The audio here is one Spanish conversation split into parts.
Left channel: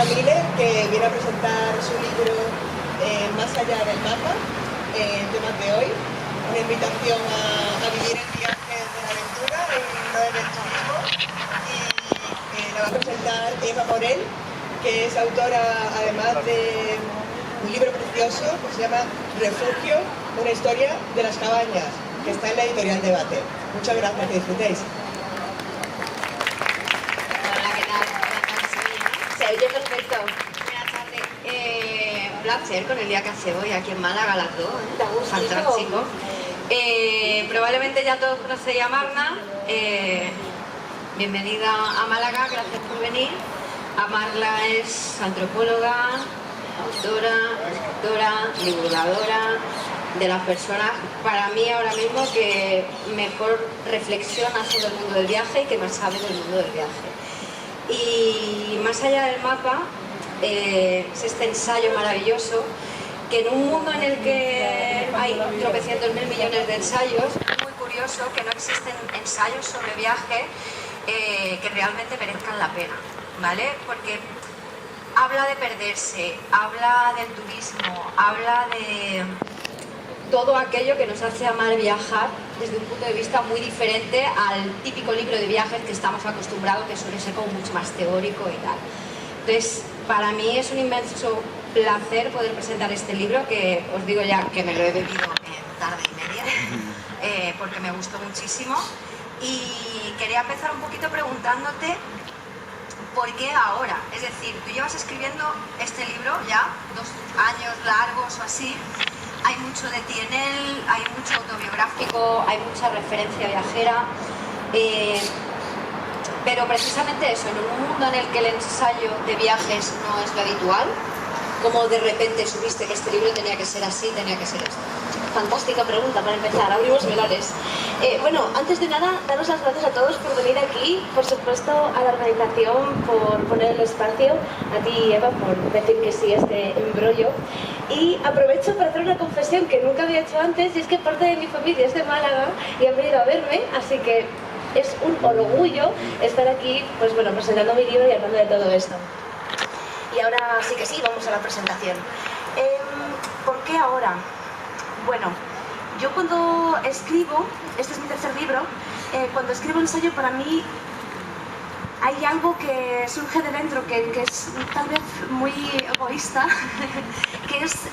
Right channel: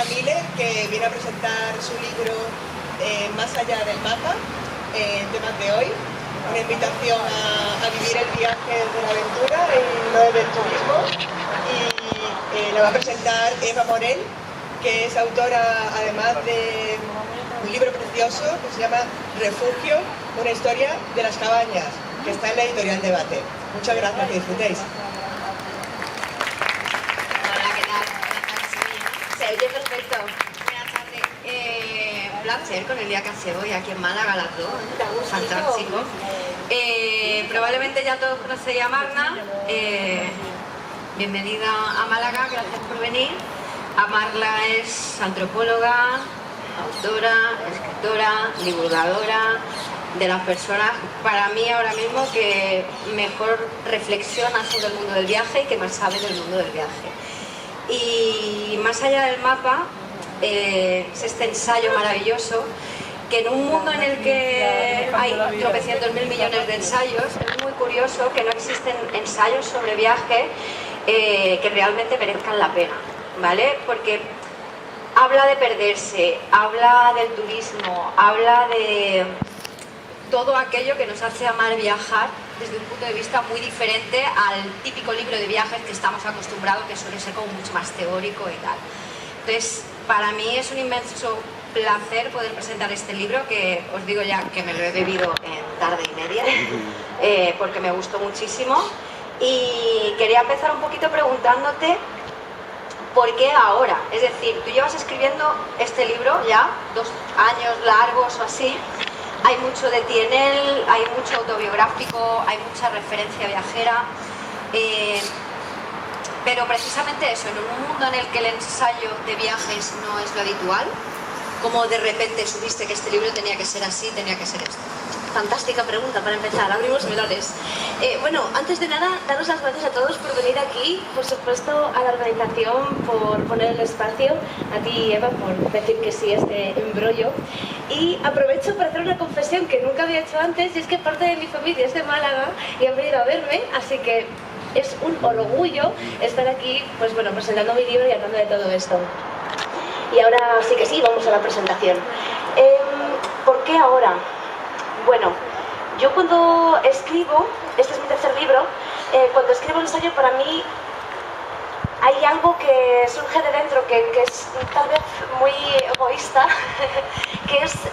Miller, que viene a presentar su libro Más allá del mapa, en temas de hoy. Una invitación a vivir el viaje de la aventura en no del turismo. Y lo va a presentar Eva Morel, que es autora además de un libro precioso que se llama Refugio, una historia de las cabañas, que está en la editorial Debate. Muchas gracias, que disfrutéis. Hola, ¿qué tal? Buenas tardes, se oye perfecto. Buenas tardes. Un placer con el día que hace hoy aquí en Málaga, las dos. Fantástico. Probablemente ya todos conocéis a Marna. Bienvenida a Málaga, gracias por venir. Marla es antropóloga, autora, escritora, divulgadora, de las personas, para mí ahora mismo, que mejor reflexiona sobre el mundo del viaje y que más sabe del mundo del viaje. Y Más allá del mapa es este ensayo maravilloso que en un mundo en el que hay tropecientos mil millones de ensayos, es muy curioso que no existen ensayos sobre viaje que realmente merezcan la pena, ¿vale? Porque habla de perderse, habla del turismo, habla de todo aquello que nos hace amar viajar desde un punto de vista muy diferente al típico libro de viajes que estamos acostumbrados, que suele ser como mucho más teórico y tal. Entonces, para mí es un inmenso placer poder presentar este libro, que os digo ya que me lo he bebido en tarde y media, porque me gustó muchísimo. Y quería empezar un poquito preguntándote ¿por qué ahora? Es decir, tú llevas escribiendo este libro ya 2 años largos o así. Hay mucho de ti en él, hay mucho autobiográfico, hay mucha referencia viajera, pero precisamente eso, en un mundo en el que el ensayo de viajes no es lo habitual, ¿cómo de repente supiste que este libro tenía que ser así, tenía que ser esto? Fantástica pregunta para empezar, abrimos melones. Bueno, antes de nada, daros las gracias a todos por venir aquí, por supuesto a la organización por poner el espacio, a ti Eva por decir que sí a este embrollo, y aprovecho para hacer una confesión que nunca había hecho antes, y es que parte de mi familia es de Málaga y han venido a verme, así que es un orgullo estar aquí, pues bueno, presentando mi libro y hablando de todo esto. Y ahora sí que sí, vamos a la presentación. ¿Por qué ahora? Bueno, yo cuando escribo, este es mi tercer libro, cuando escribo un ensayo, para mí hay algo que surge de dentro, que es tal vez muy egoísta, que es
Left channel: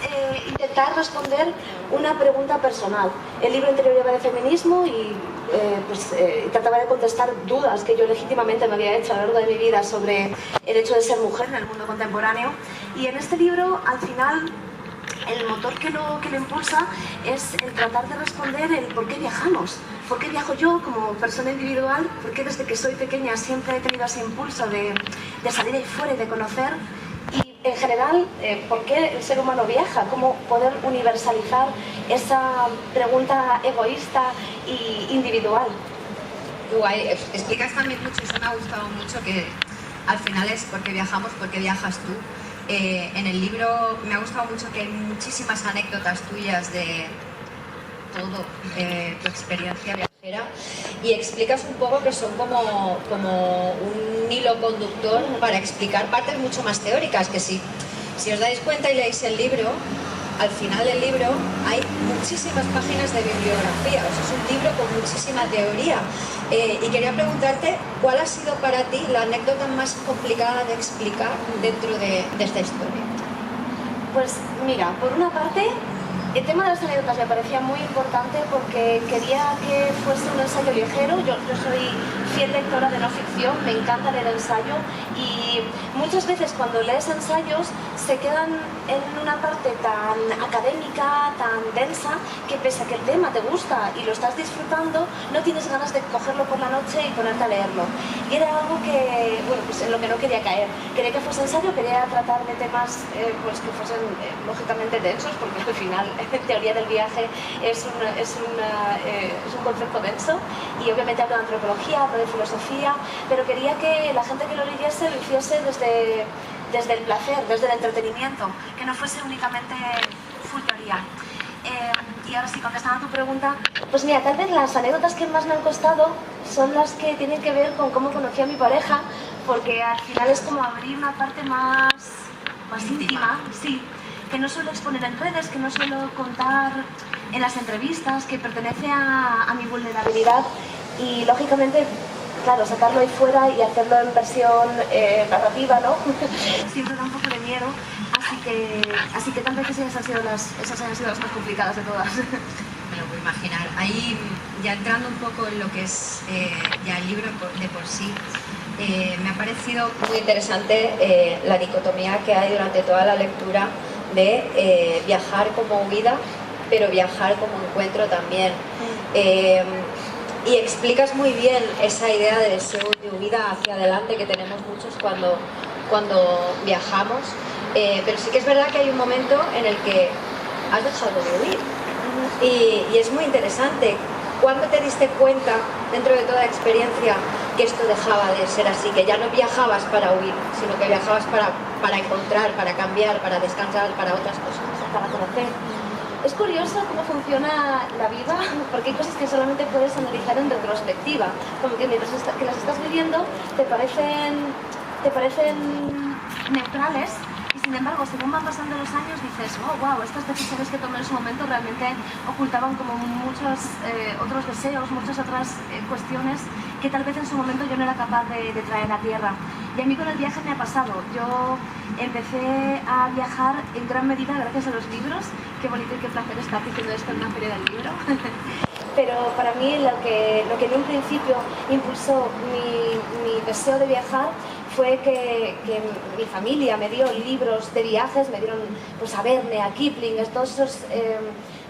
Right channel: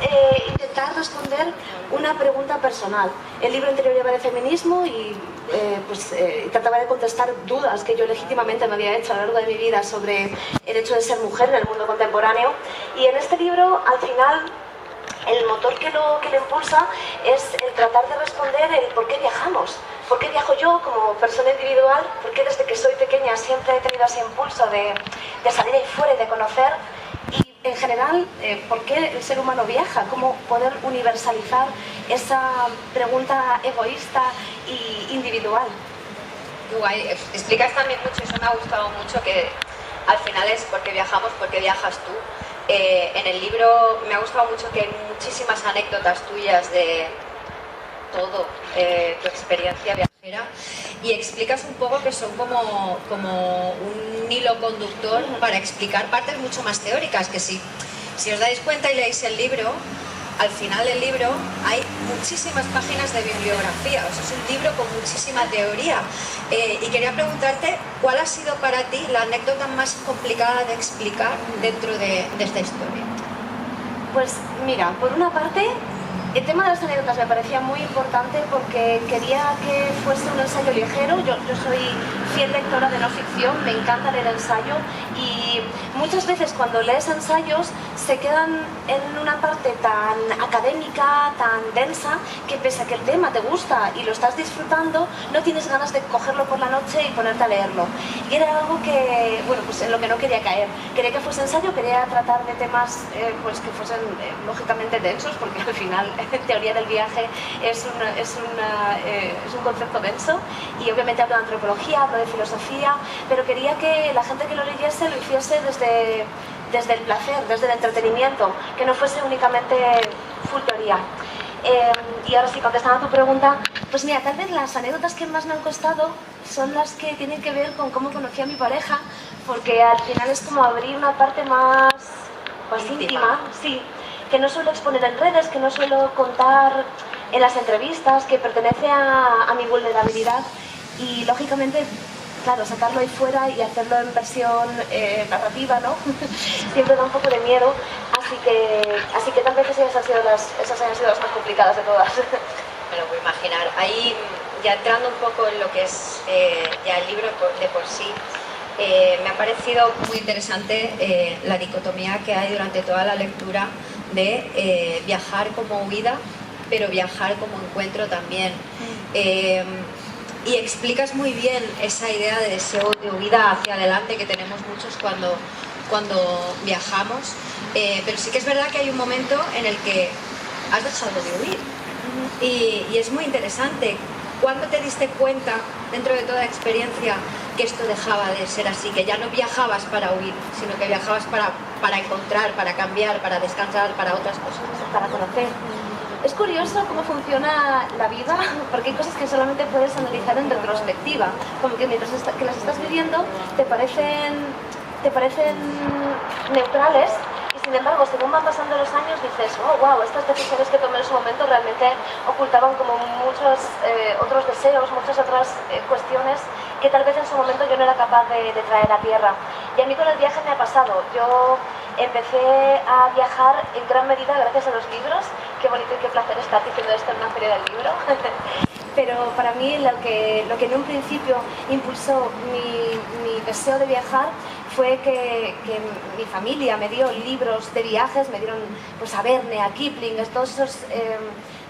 intentar responder una pregunta personal. El libro anterior iba de feminismo y trataba de contestar dudas que yo legítimamente me había hecho a lo largo de mi vida sobre el hecho de ser mujer en el mundo contemporáneo. Y en este libro, al final, el motor que lo impulsa es el tratar de responder el por qué viajamos, por qué viajo yo como persona individual, por qué desde que soy pequeña siempre he tenido ese impulso de salir ahí fuera y de conocer, y en general, por qué el ser humano viaja, cómo poder universalizar esa pregunta egoísta y individual. Guay, explicas también mucho, eso me ha gustado mucho, que al final es por qué viajamos, por qué viajas tú. En el libro me ha gustado mucho que hay muchísimas anécdotas tuyas de todo, tu experiencia viajera, y explicas un poco que son como un hilo conductor para explicar partes mucho más teóricas, que si os dais cuenta y leéis el libro, al final del libro hay muchísimas páginas de bibliografía, o sea, es un libro con muchísima teoría. Y quería preguntarte, ¿cuál ha sido para ti la anécdota más complicada de explicar dentro de esta historia? Pues mira, por una parte, el tema de las anécdotas me parecía muy importante porque quería que fuese un ensayo ligero. Yo soy fiel lectora de no ficción, me encanta leer ensayo, y muchas veces cuando lees ensayos se quedan en una parte tan académica, tan densa, que pese a que el tema te gusta y lo estás disfrutando, no tienes ganas de cogerlo por la noche y ponerte a leerlo. Y era algo que, bueno, pues en lo que no quería caer. Quería que fuese ensayo, quería tratar de temas pues que fuesen lógicamente densos, porque al final teoría del viaje es un concepto denso, y obviamente hablo de antropología, hablo de filosofía, pero quería que la gente que lo leyese lo hiciese desde el placer, desde el entretenimiento, que no fuese únicamente full teoría. Y ahora sí, contestando a tu pregunta, pues mira, tal vez las anécdotas que más me han costado son las que tienen que ver con cómo conocí a mi pareja, porque al final es como abrir una parte más íntima, sí, que no suelo exponer en redes, que no suelo contar en las entrevistas, que pertenece a mi vulnerabilidad y lógicamente, claro, sacarlo ahí fuera y hacerlo en versión narrativa, ¿no? Siempre da un poco de miedo, así que tal vez esas han sido las más complicadas de todas. Me lo puedo imaginar. Ahí, ya entrando un poco en lo que es ya el libro de por sí, me ha parecido muy interesante la dicotomía que hay durante toda la lectura de viajar como huida, pero viajar como encuentro también. Y explicas muy bien esa idea de deseo de huida hacia adelante que tenemos muchos cuando viajamos, pero sí que es verdad que hay un momento en el que has dejado de huir y es muy interesante. ¿Cuándo te diste cuenta, dentro de toda la experiencia, que esto dejaba de ser así? Que ya no viajabas para huir, sino que viajabas para encontrar, para cambiar, para descansar, para otras cosas. Para conocer. Es curioso cómo funciona la vida, porque hay cosas que solamente puedes analizar en retrospectiva, como que mientras que las estás viviendo te parecen neutrales y sin embargo según van pasando los años dices, oh wow, estas decisiones que tomé en su momento realmente ocultaban como muchos otros deseos, muchas otras cuestiones que tal vez en su momento yo no era capaz de traer a tierra. Y a mí con el viaje me ha pasado. Yo empecé a viajar en gran medida gracias a los libros. Qué bonito y qué placer estar diciendo esto en una feria del libro. Pero para mí lo que en un principio impulsó mi deseo de viajar fue que mi familia me dio libros de viajes, me dieron pues, a Verne, a Kipling, todos esos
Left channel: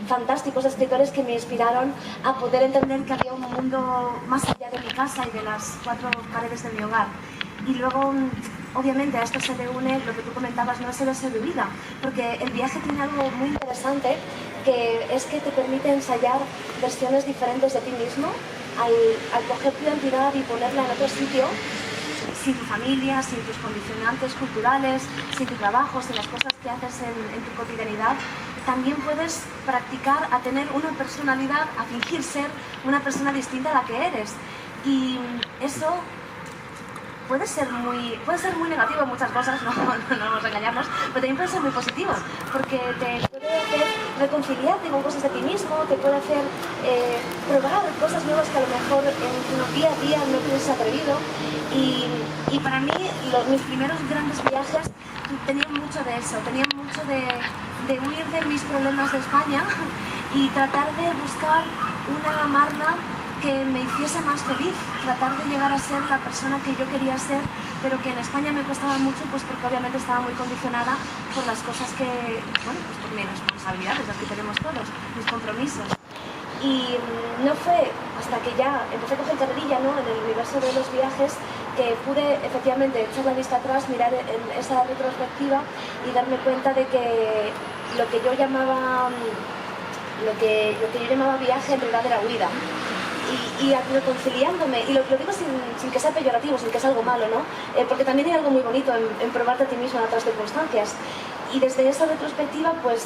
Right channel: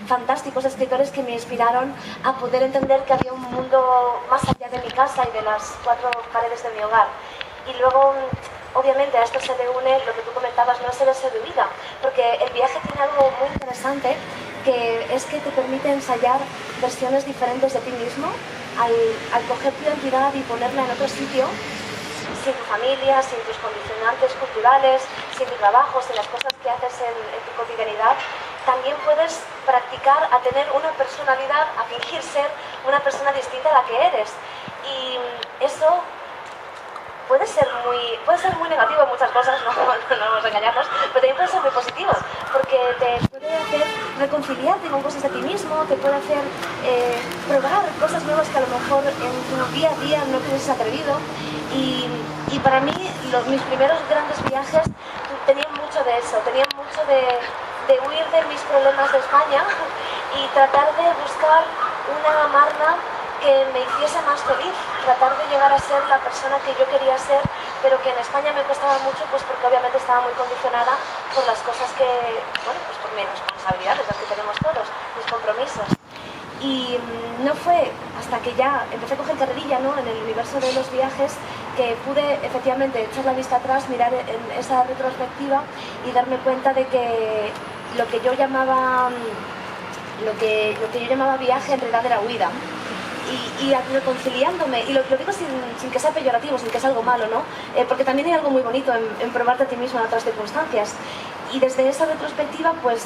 fantásticos escritores que me inspiraron a poder entender que había un mundo más allá de mi casa y de las cuatro paredes de mi hogar. Y luego, obviamente, a esto se le une lo que tú comentabas, no es el deseo de vida, porque el viaje tiene algo muy interesante, que es que te permite ensayar versiones diferentes de ti mismo al coger tu identidad y ponerla en otro sitio, sin tu familia, sin tus condicionantes culturales, sin tu trabajo, sin las cosas que haces en tu cotidianidad. También puedes practicar a tener una personalidad, a fingir ser una persona distinta a la que eres. Y eso puede ser muy negativo en muchas cosas, no nos engañamos, pero también puede ser muy positivo, porque te puede hacer reconciliarte con cosas de ti mismo, te puede hacer probar cosas nuevas que a lo mejor en tu día a día no te hubieses atrevido. Y para mí mis primeros grandes viajes tenían mucho de eso, tenían mucho de huir de mis problemas de España y tratar de buscar una Marna que me hiciese más feliz, tratar de llegar a ser la persona que yo quería ser, pero que en España me costaba mucho, pues porque obviamente estaba muy condicionada por las cosas que, bueno, pues por mis responsabilidades, las que tenemos todos, mis compromisos. Y no fue hasta que ya empecé a coger carrerilla, ¿no?, en el universo de los viajes, que pude efectivamente echar la vista atrás, mirar en esa retrospectiva y darme cuenta de que lo que yo llamaba viaje en realidad era huida. Y reconciliándome, y lo digo sin que sea peyorativo, sin que sea algo malo, ¿no? Porque también hay algo muy bonito en probarte a ti mismo en otras circunstancias. Y desde esa retrospectiva, pues,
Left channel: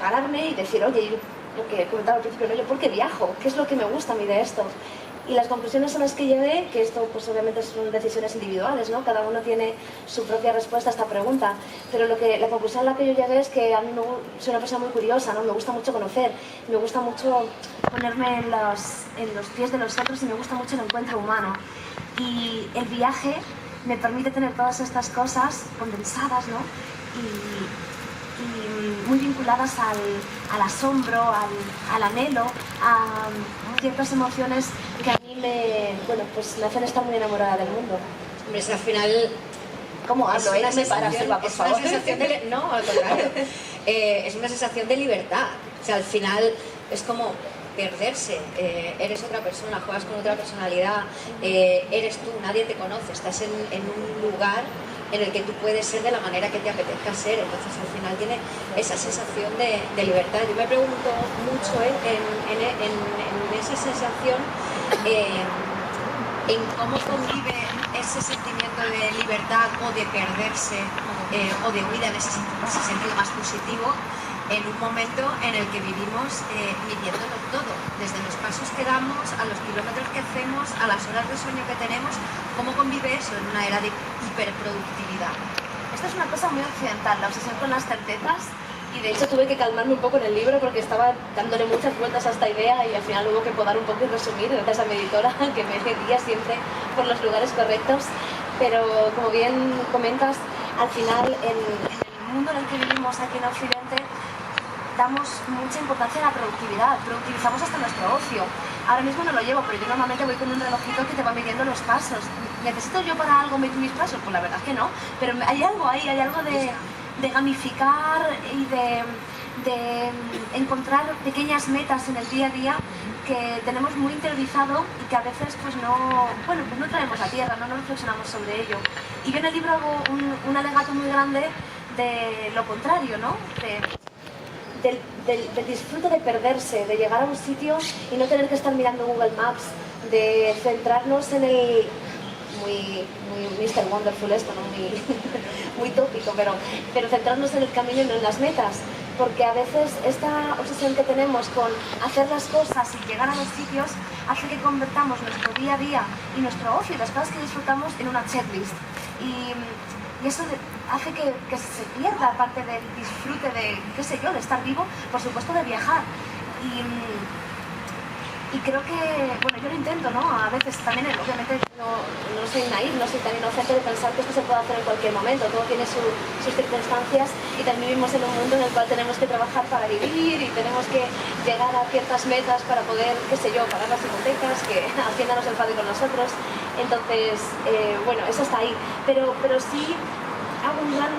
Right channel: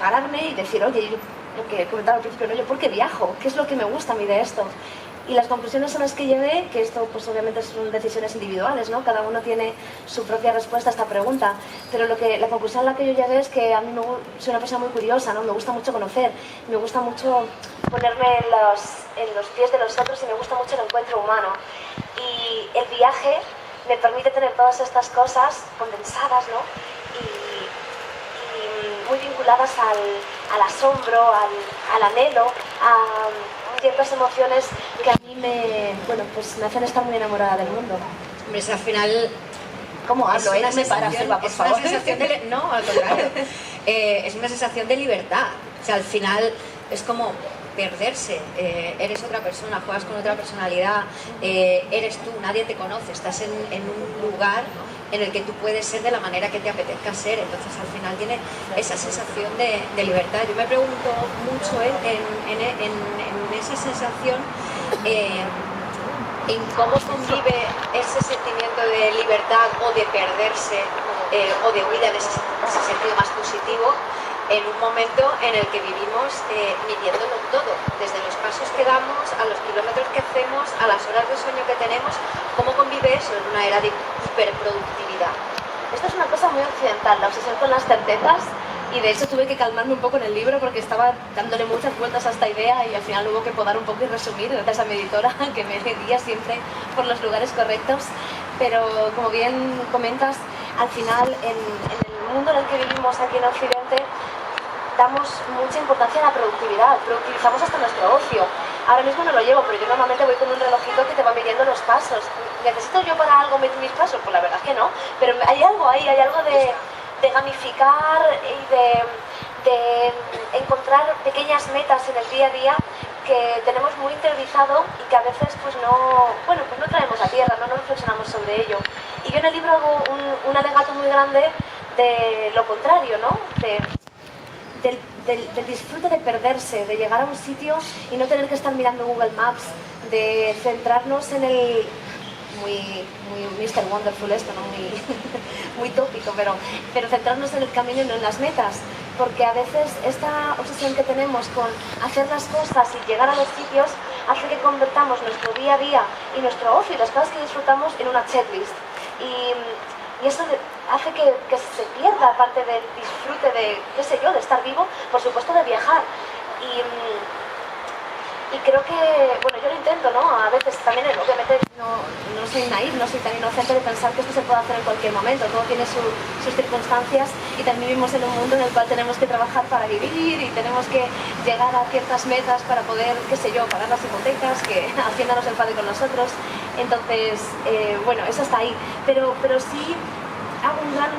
pararme y decir, oye, yo, lo que comentaba al principio, ¿no?, yo ¿por qué viajo? ¿Qué es lo que me gusta a mí de esto? Y las conclusiones a las que llegué, que esto pues obviamente son decisiones individuales, ¿no? Cada uno tiene su propia respuesta a esta pregunta, pero la conclusión a la que yo llegué es que a mí soy una persona muy curiosa, ¿no? Me gusta mucho conocer, me gusta mucho ponerme en los pies de los otros y me gusta mucho el encuentro humano. Y el viaje me permite tener todas estas cosas condensadas, ¿no? Y muy vinculadas al asombro, al anhelo, a ciertas emociones que a mí me hacen estar muy enamorada del mundo. Hombre, al final... ¿Cómo hablo? Es una sensación de... No, al contrario. Es una sensación de libertad. O sea, al final es como perderse. Eres otra persona, juegas con otra personalidad, eres tú, nadie te conoce. Estás en un lugar en el que tú puedes ser de la manera que te apetezca ser, entonces al final tiene esa sensación de libertad. Yo me pregunto mucho en esa sensación, en cómo convive ese sentimiento de libertad o de perderse o de huida en ese sentido más positivo en un momento en el que vivimos midiéndolo todo, desde los pasos que damos, a los kilómetros que hacemos, a las horas de sueño que tenemos. ¿Cómo convive eso en una era de hiperproductividad? Esto es una cosa muy occidental, la obsesión con las certezas, y de hecho tuve que calmarme un poco en el libro porque estaba dándole muchas vueltas a esta idea y al final hubo que podar un poco y resumir, gracias a mi editora que me guía siempre por los lugares correctos. Pero como bien comentas, al final en el mundo en el que vivimos aquí en Occidente damos mucha importancia a la productividad, productivizamos hasta nuestro ocio. Ahora mismo no lo llevo, pero yo normalmente voy con un relojito que te va midiendo los pasos. ¿Necesito yo para algo medir mis pasos? Pues la verdad es que no, pero hay algo ahí, hay algo de gamificar y de encontrar pequeñas metas en el día a día que tenemos muy interiorizado y que a veces pues no traemos a tierra, no reflexionamos sobre ello. Y yo en el libro hago un alegato muy grande de lo contrario, ¿no? Del disfrute de perderse, de llegar a un sitio y no tener que estar mirando Google Maps, de centrarnos en el... muy Mr. Wonderful esto, ¿no? Muy tópico, pero centrarnos en el camino y no en las metas, porque a veces esta obsesión que tenemos con hacer las cosas y llegar a los sitios hace que convertamos nuestro día a día y nuestro ocio y las cosas que disfrutamos en una checklist. Y eso hace que se pierda parte del disfrute de, qué sé yo, de estar vivo, por supuesto de viajar. Y creo que, bueno, yo lo intento, ¿no? A veces también, obviamente, no soy naif, no soy tan inocente de pensar que esto se puede hacer en cualquier momento. Todo tiene sus circunstancias y también vivimos en un mundo en el cual tenemos que trabajar para vivir y tenemos que llegar a ciertas metas para poder, qué sé yo, pagar las hipotecas, que Hacienda no se enfade con nosotros. Entonces, bueno, eso está ahí. Pero sí hago un gran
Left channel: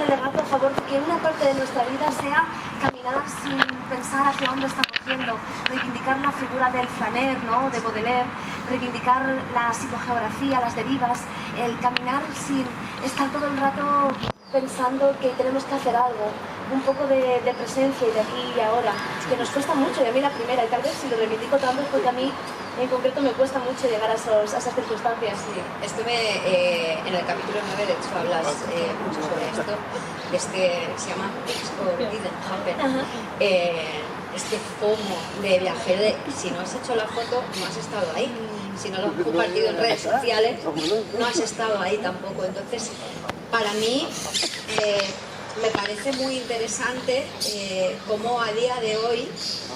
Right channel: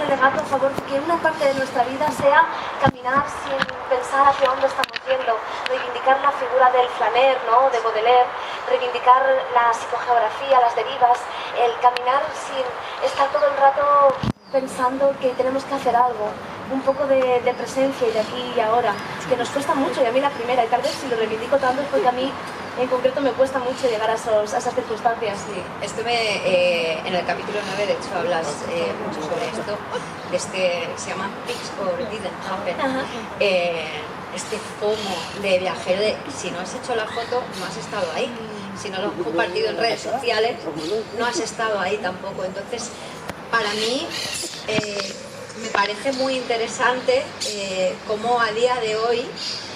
alegato a favor de que una parte de nuestra vida sea caminar sin pensar hacia dónde estamos yendo, reivindicar la figura del flaner, ¿no? De Baudelaire, reivindicar la psicogeografía, las derivas, el caminar sin estar todo el rato pensando que tenemos que hacer algo, un poco de presencia y de aquí y ahora, que nos cuesta mucho, y a mí la primera, y tal vez si lo reivindico tanto es porque a mí en concreto me cuesta mucho llegar a esas circunstancias. Sí, en el capítulo 9, de hecho, hablas mucho sobre esto, se llama Pics or Didn't Happen. Este FOMO de viajero de si no has hecho la foto, no has estado ahí. Si no lo has compartido en redes sociales, no has estado ahí tampoco. Entonces, para mí, me parece muy interesante cómo a día de hoy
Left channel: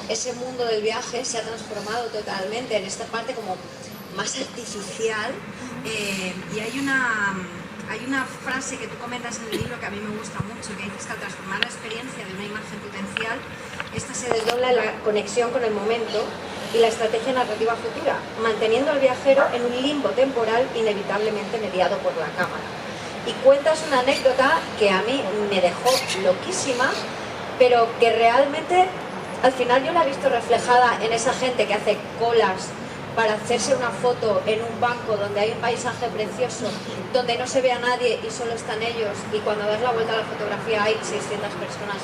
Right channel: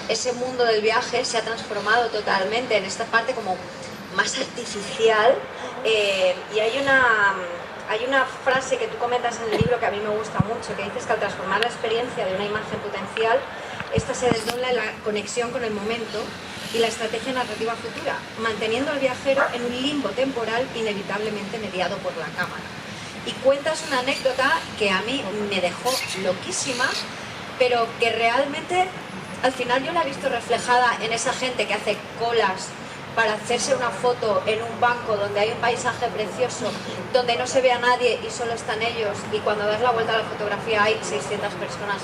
ese mundo del viaje se ha transformado totalmente en esta parte como más artificial. Y hay una frase que tú comentas en el libro que a mí me gusta mucho, que dices que al transformar la experiencia de una imagen potencial, esta se desdobla en la conexión con el momento y la estrategia narrativa futura, manteniendo al viajero en un limbo temporal inevitablemente mediado por la cámara. Y cuentas una anécdota que a mí me dejó loquísima, pero que realmente al final yo la he visto reflejada en esa gente que hace colas para hacerse una foto en un banco donde hay un paisaje precioso, donde no se ve a nadie y solo están ellos, y cuando das la vuelta a la fotografía hay 600 personas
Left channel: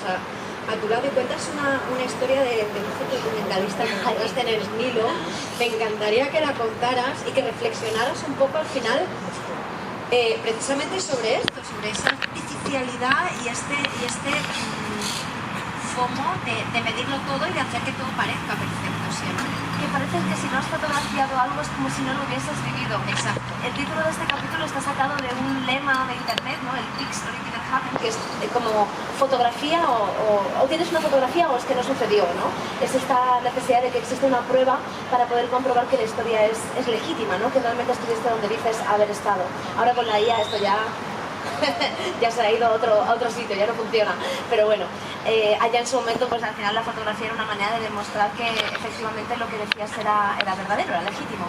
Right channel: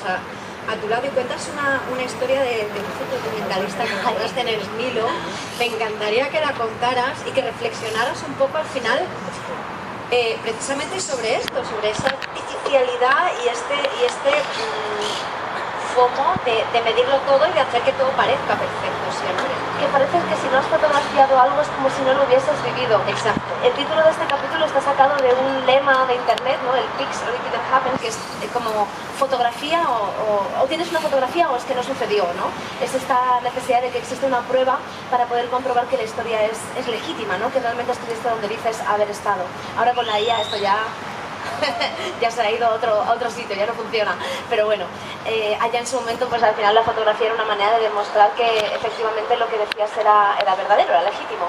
a tu lado, y cuentas una historia de un fotodocumentalista que encontraste en el Nilo. Me encantaría que la contaras y que reflexionaras un poco al final precisamente sobre esto, sobre esa artificialidad y este FOMO de medirlo todo y de hacer que todo parezca perfecto siempre. Que parece que si no has fotografiado algo es como si no lo hubieses vivido. Exacto. El título de este capítulo está sacado de un lema de internet, ¿no? El Pics or Didn't Happen, que es como fotografía o tienes una fotografía o es que no sucedió, ¿no? Es esta necesidad de que existe una prueba para poder comprobar que la historia es legítima, ¿no? Que realmente estuviste donde dices haber estado. Ahora con la IA esto ya se ha ido a otro sitio, ya no funciona. Pero bueno, allá en su momento, pues al final la fotografía era una manera de demostrar que efectivamente lo que decías era verdadero, era legítimo.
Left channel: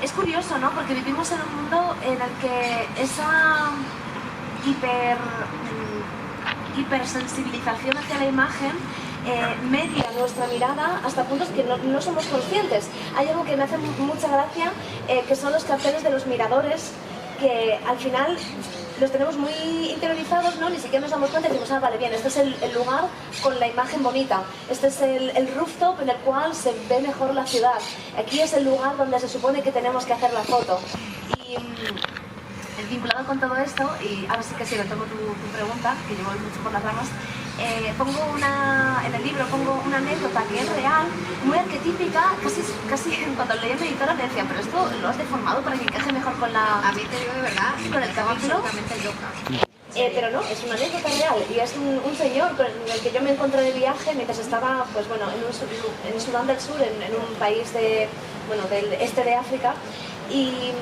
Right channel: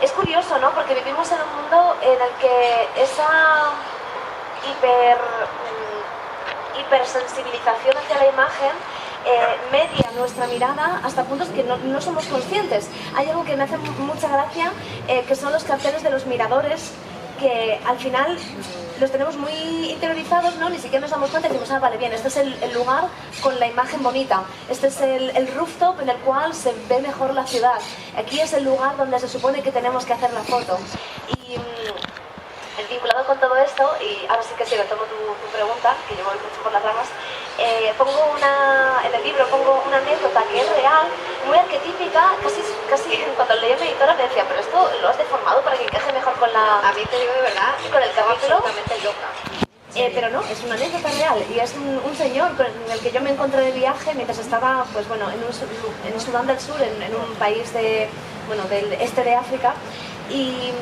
Es curioso, ¿no? Porque vivimos en un mundo en el que esa hipersensibilización hacia la imagen media nuestra mirada hasta puntos que no somos conscientes. Hay algo que me hace mucha gracia, que son los carteles de los miradores, que al final los tenemos muy interiorizados, ¿no? Ni siquiera nos damos cuenta y decimos, vale, bien, este es el lugar con la imagen bonita, este es el rooftop en el cual se ve mejor la ciudad, aquí es el lugar donde se supone que tenemos que hacer la foto. vinculado con todo esto, y ahora sí que sí, retomo tu pregunta, que yo voy mucho por las ramas, en el libro pongo una anécdota que es real, muy arquetípica, casi cuando leí a mi editora me decía, pero esto lo has deformado para que encaje mejor con la... A mí te digo de verdad, con el capítulo. absolutamente loca. Pero no, es una anécdota real y es un señor con el que yo me encontré de viaje mientras estaba, pues bueno, en Sudán del Sur, en un país del este de África, y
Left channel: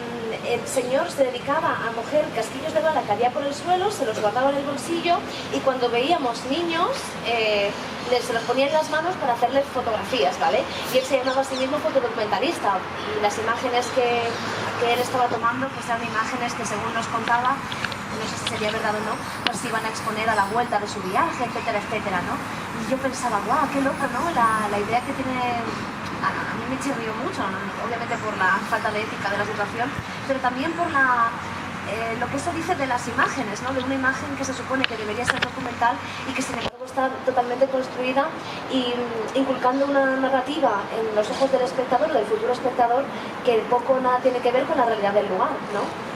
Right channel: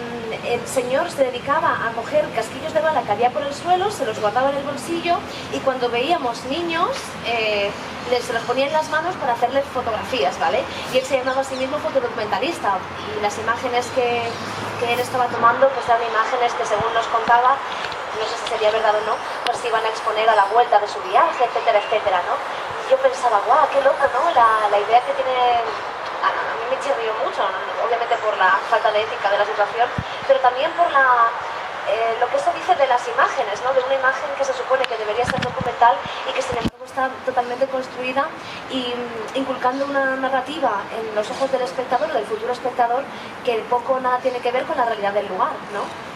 el señor se dedicaba a coger casquillos de bala que había por el suelo, se los guardaba en el bolsillo y cuando veíamos niños se los ponía en las manos para hacerles fotografías, ¿vale? Y él se llamaba a sí mismo fotodocumentalista y las imágenes que él estaba tomando pues eran imágenes que según nos contaba, no sé si sería verdad o no, pues se iban a exponer a la vuelta de su viaje, etcétera, etcétera, ¿no? Y yo pensaba, guau, qué loco, ¿no? La idea que tiene... A mí me chirrió mucho, obviamente por la falta de ética de la situación, pero también por lo que eso dice de las imágenes, ¿no? De una imagen que se supone que debería ser documental y que sin embargo está totalmente construida y inculcando una narrativa en los ojos del espectador, del futuro espectador, que poco o nada tiene que ver con la realidad del lugar, ¿no?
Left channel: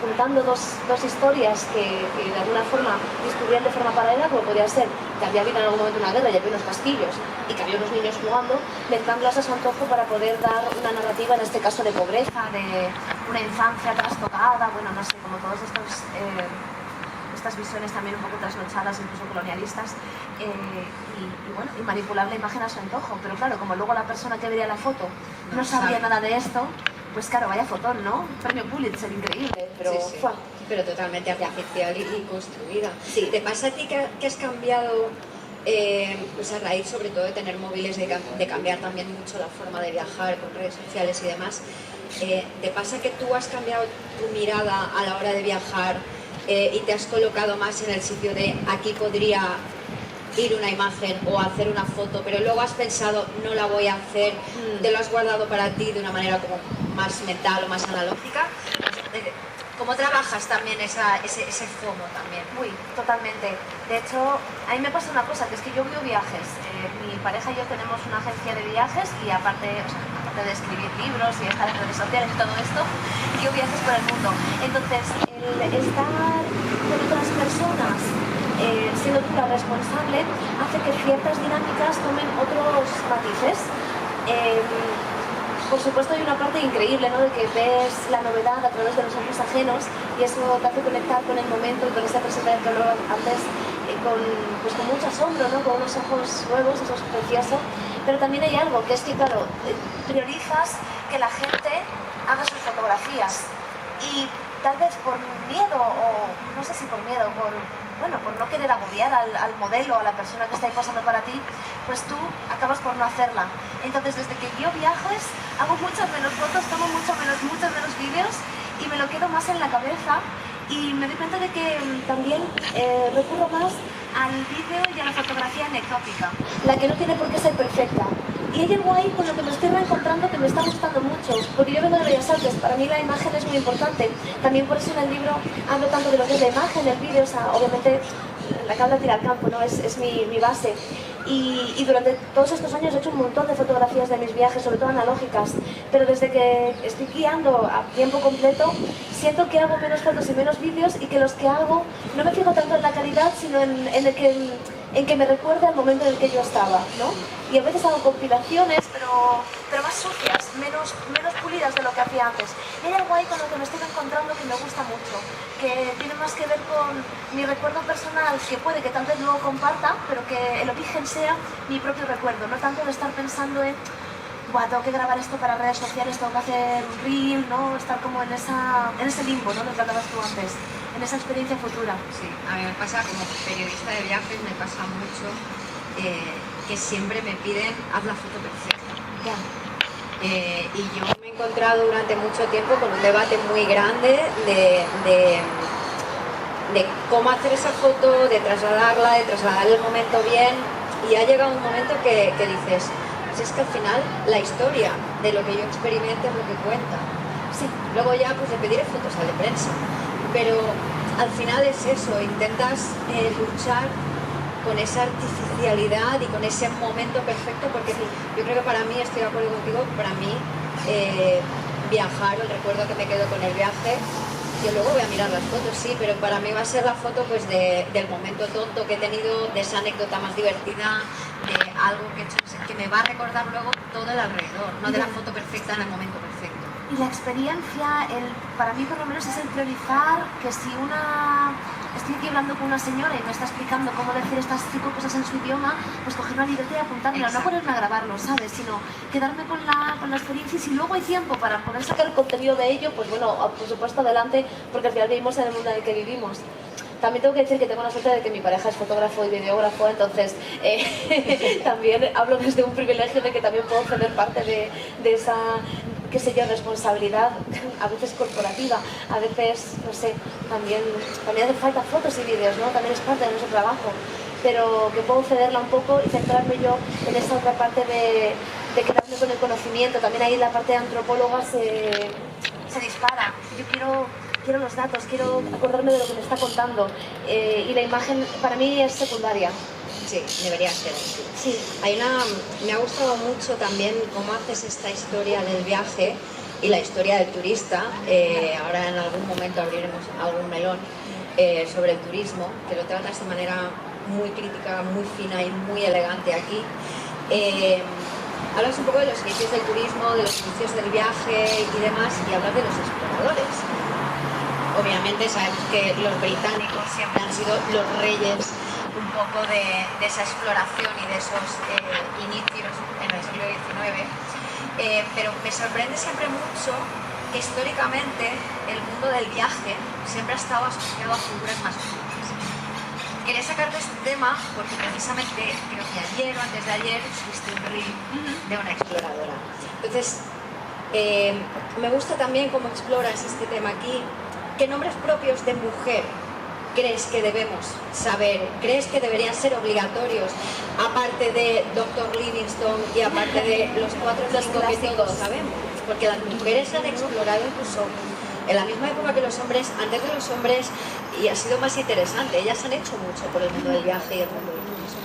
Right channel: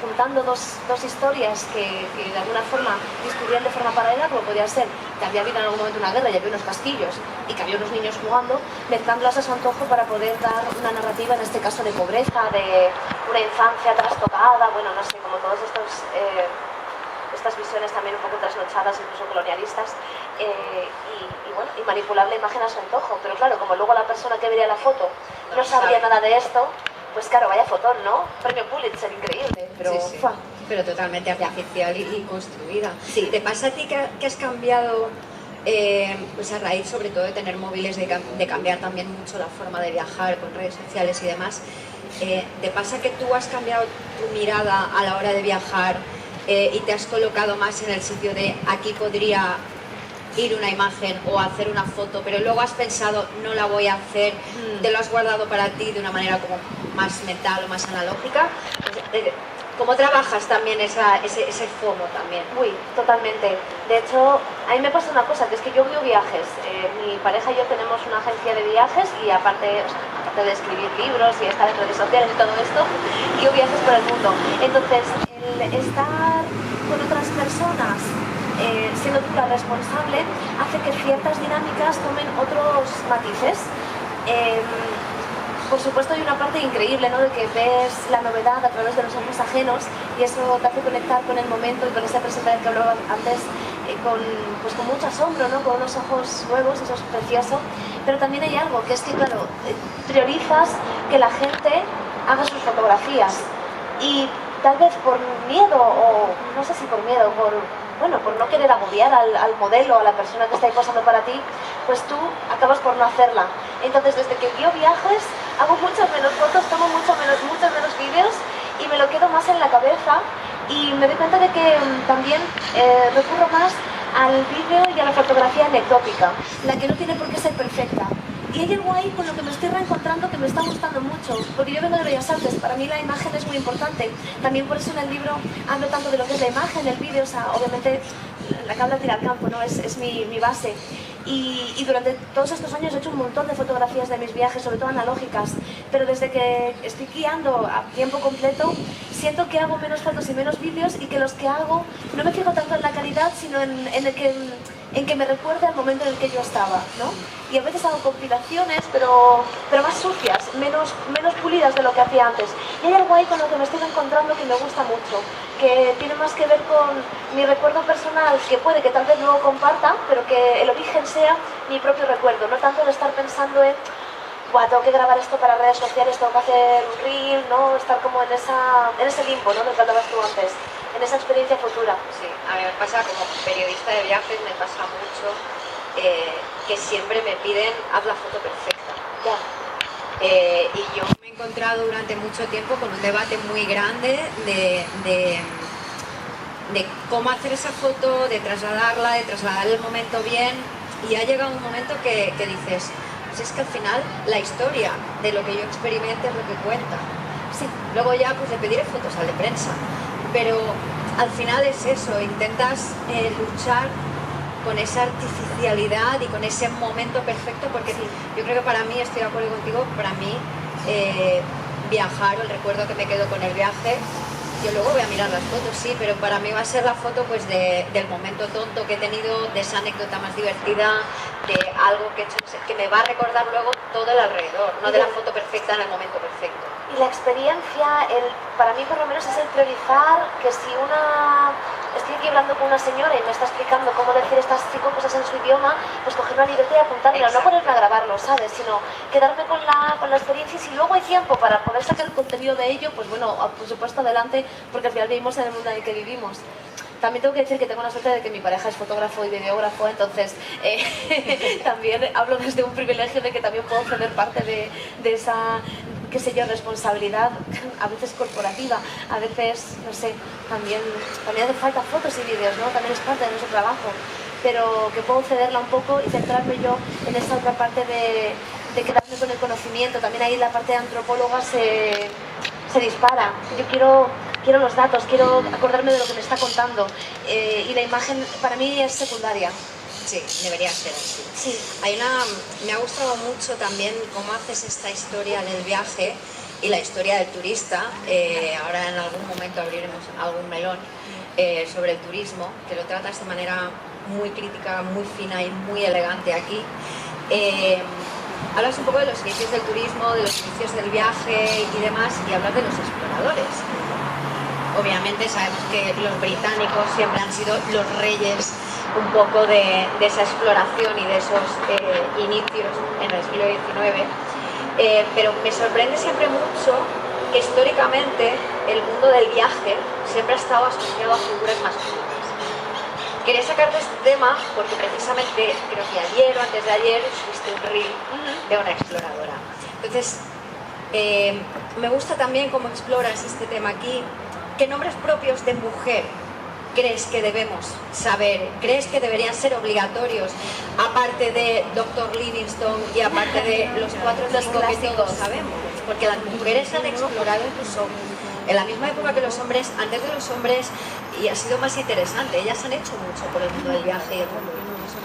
Juntando dos historias que de alguna forma discurrían de forma paralela, como podía ser que había habido en algún momento una guerra y había unos casquillos y que había unos niños jugando, mezclándolas a su antojo para poder dar una narrativa, en este caso de pobreza, de una infancia trastocada, bueno, no sé, como todos estas visiones también un poco trasnochadas, incluso colonialistas, y manipular la imagen a su antojo. Pero claro, como luego la persona que vería la foto no sabría nada de esto, pues claro, vaya fotón, ¿no? Premio Pulitzer, increíble, pero... Sí. Pero totalmente artificial y construida. Sí. ¿Te pasa a ti que has cambiado, pues a raíz sobre todo de tener móviles, de cambiar también mucho la forma de viajar con redes sociales y demás? ¿Te pasa que tú has cambiado tu mirada a la hora de viajar y te has colocado más en el sitio de aquí podría ir una imagen o hacer una foto, pero luego has pensado no la voy a hacer, te lo has guardado para ti de una manera como más mental o más analógica? ¿Cómo trabajas también ese FOMO también? Uy, totalmente. De hecho, a mí me pasa una cosa, que es que yo veo viajes. Mi pareja y yo tenemos una agencia de viajes y aparte de escribir libros y estar en redes sociales y todo esto, yo viajes por el mundo. Entonces, el estar con otras personas, siendo tú la responsable, hace que ciertas dinámicas tomen otros matices. Por supuesto hay una parte increíble, ¿no? De que ves la novedad a través de los ojos ajenos y eso te hace conectar con el momento y con esa presentación que hablaba antes con mucho asombro, ¿no? Con unos ojos nuevos, eso es precioso. Pero también hay algo, que es que, claro, priorizas que la gente haga sus fotografías y tal vez por miedo, o no sé si por miedo, por no querer agobiar al modelo, a la persona que está ahí posando para ti, pues tú acabas por no hacerla. Entonces, desde que yo viajes, hago muchas menos fotos, tomo muchos menos vídeos y me lo quedo más en la cabeza y me doy cuenta de que también recurro más al vídeo y a la fotografía anecdótica, la que no tiene por qué ser perfecta. Y hay algo ahí con lo que me estoy reencontrando que me está gustando mucho, porque yo vengo de Bellas Artes, para mí la imagen es muy importante. También por eso en el libro hablo tanto de lo que es la imagen, el vídeo, o sea, obviamente la cabra tira al campo, ¿no? Es mi base. Y durante todos estos años he hecho un montón de fotografías de mis viajes, sobre todo analógicas, pero desde que estoy guiando a tiempo completo, siento que hago menos fotos y menos vídeos y que los que hago no me fijo tanto en la calidad, sino en que me recuerde al momento en el que yo estaba, ¿no? Y a veces hago compilaciones, pero más sucias, menos pulidas de lo que hacía antes. Y hay algo ahí con lo que me estoy encontrando que me gusta mucho, que tiene más que ver con mi recuerdo personal, que puede que tal vez no lo comparta, pero que el origen sea mi propio recuerdo, no tanto de estar pensando en buah, tengo que grabar esto para redes sociales, tengo que hacer un reel, ¿no? Estar como en ese limbo, ¿no? Lo que hablabas tú antes, en esa experiencia futura. Sí, a mí me pasa como periodista de viajes, me pasa mucho que siempre me piden haz la foto perfecta. Ya. Y yo me he encontrado durante mucho tiempo con un debate muy grande de cómo hacer esa foto, de trasladar el momento bien, y ha llegado un momento que dices, pues es que al final la historia de lo que yo experimente es lo que cuenta. Sí, luego ya pues le pediré fotos al de prensa, pero al final es eso, intentas luchar con esa artificialidad y con ese momento perfecto, porque yo creo que para mí, estoy de acuerdo contigo, para mí viajar, o el recuerdo que me quedo con el viaje, Yo luego voy a mirar las fotos, sí, pero para mí va a ser la foto pues del momento tonto que he tenido, de esa anécdota más divertida, de algo que he hecho, que me va a recordar luego todo el alrededor, no de la foto perfecta en el momento perfecto. Y la experiencia, para mí por lo menos es el priorizar que si estoy aquí hablando con una señora y me está explicando cómo decir estas 5 cosas en su idioma, pues coger una libreta y apuntármela, no ponerme a grabarlo, ¿sabes? Sino quedarme con la experiencia, y si luego hay tiempo para poder sacar el contenido de ello, pues bueno, por supuesto adelante, porque al final vivimos en el mundo en el que vivimos. También tengo que decir que tengo la suerte de que mi pareja es fotógrafo y videógrafo, entonces también hablo desde un privilegio de que también puedo ceder parte de esa, qué sé yo, responsabilidad, a veces corporativa, a veces, no sé, también hace falta fotos y vídeos, ¿no? También es parte de nuestro trabajo, pero que puedo cederla un poco y centrarme yo en esa otra parte de quedarme con el conocimiento. También ahí la parte de antropóloga se dispara. Yo quiero los datos, quiero acordarme de lo que me está contando, y la imagen para mí es secundaria. Sí, debería ser así. Sí. Me ha gustado mucho también cómo haces esta historia del viaje y la historia del turista. Ahora en algún momento abriremos algún melón sobre el turismo, que lo tratas de manera muy crítica, muy fina y muy elegante aquí. Hablas un poco de los inicios del turismo, de los inicios del viaje y demás, y hablas de los exploradores. Obviamente sabemos que los británicos siempre han sido los reyes un poco de esa exploración y de esos inicios en el siglo XIX, pero me sorprende siempre mucho que históricamente el mundo del viaje siempre ha estado asociado a figuras masculinas. Quería sacarte este tema porque precisamente creo que ayer o antes de ayer subiste un reel de una exploradora. Entonces, me gusta también cómo exploras este tema aquí. ¿Qué nombres propios de mujer crees que debemos saber? ¿Crees que deberían ser obligatorios, aparte de Dr. Livingstone y aparte de los 4 o 5 que todos sabemos? Porque las mujeres han explorado incluso en la misma época que los hombres, antes de los hombres, y ha sido más interesante. Ellas han hecho mucho por el mundo del viaje y el mundo del turismo.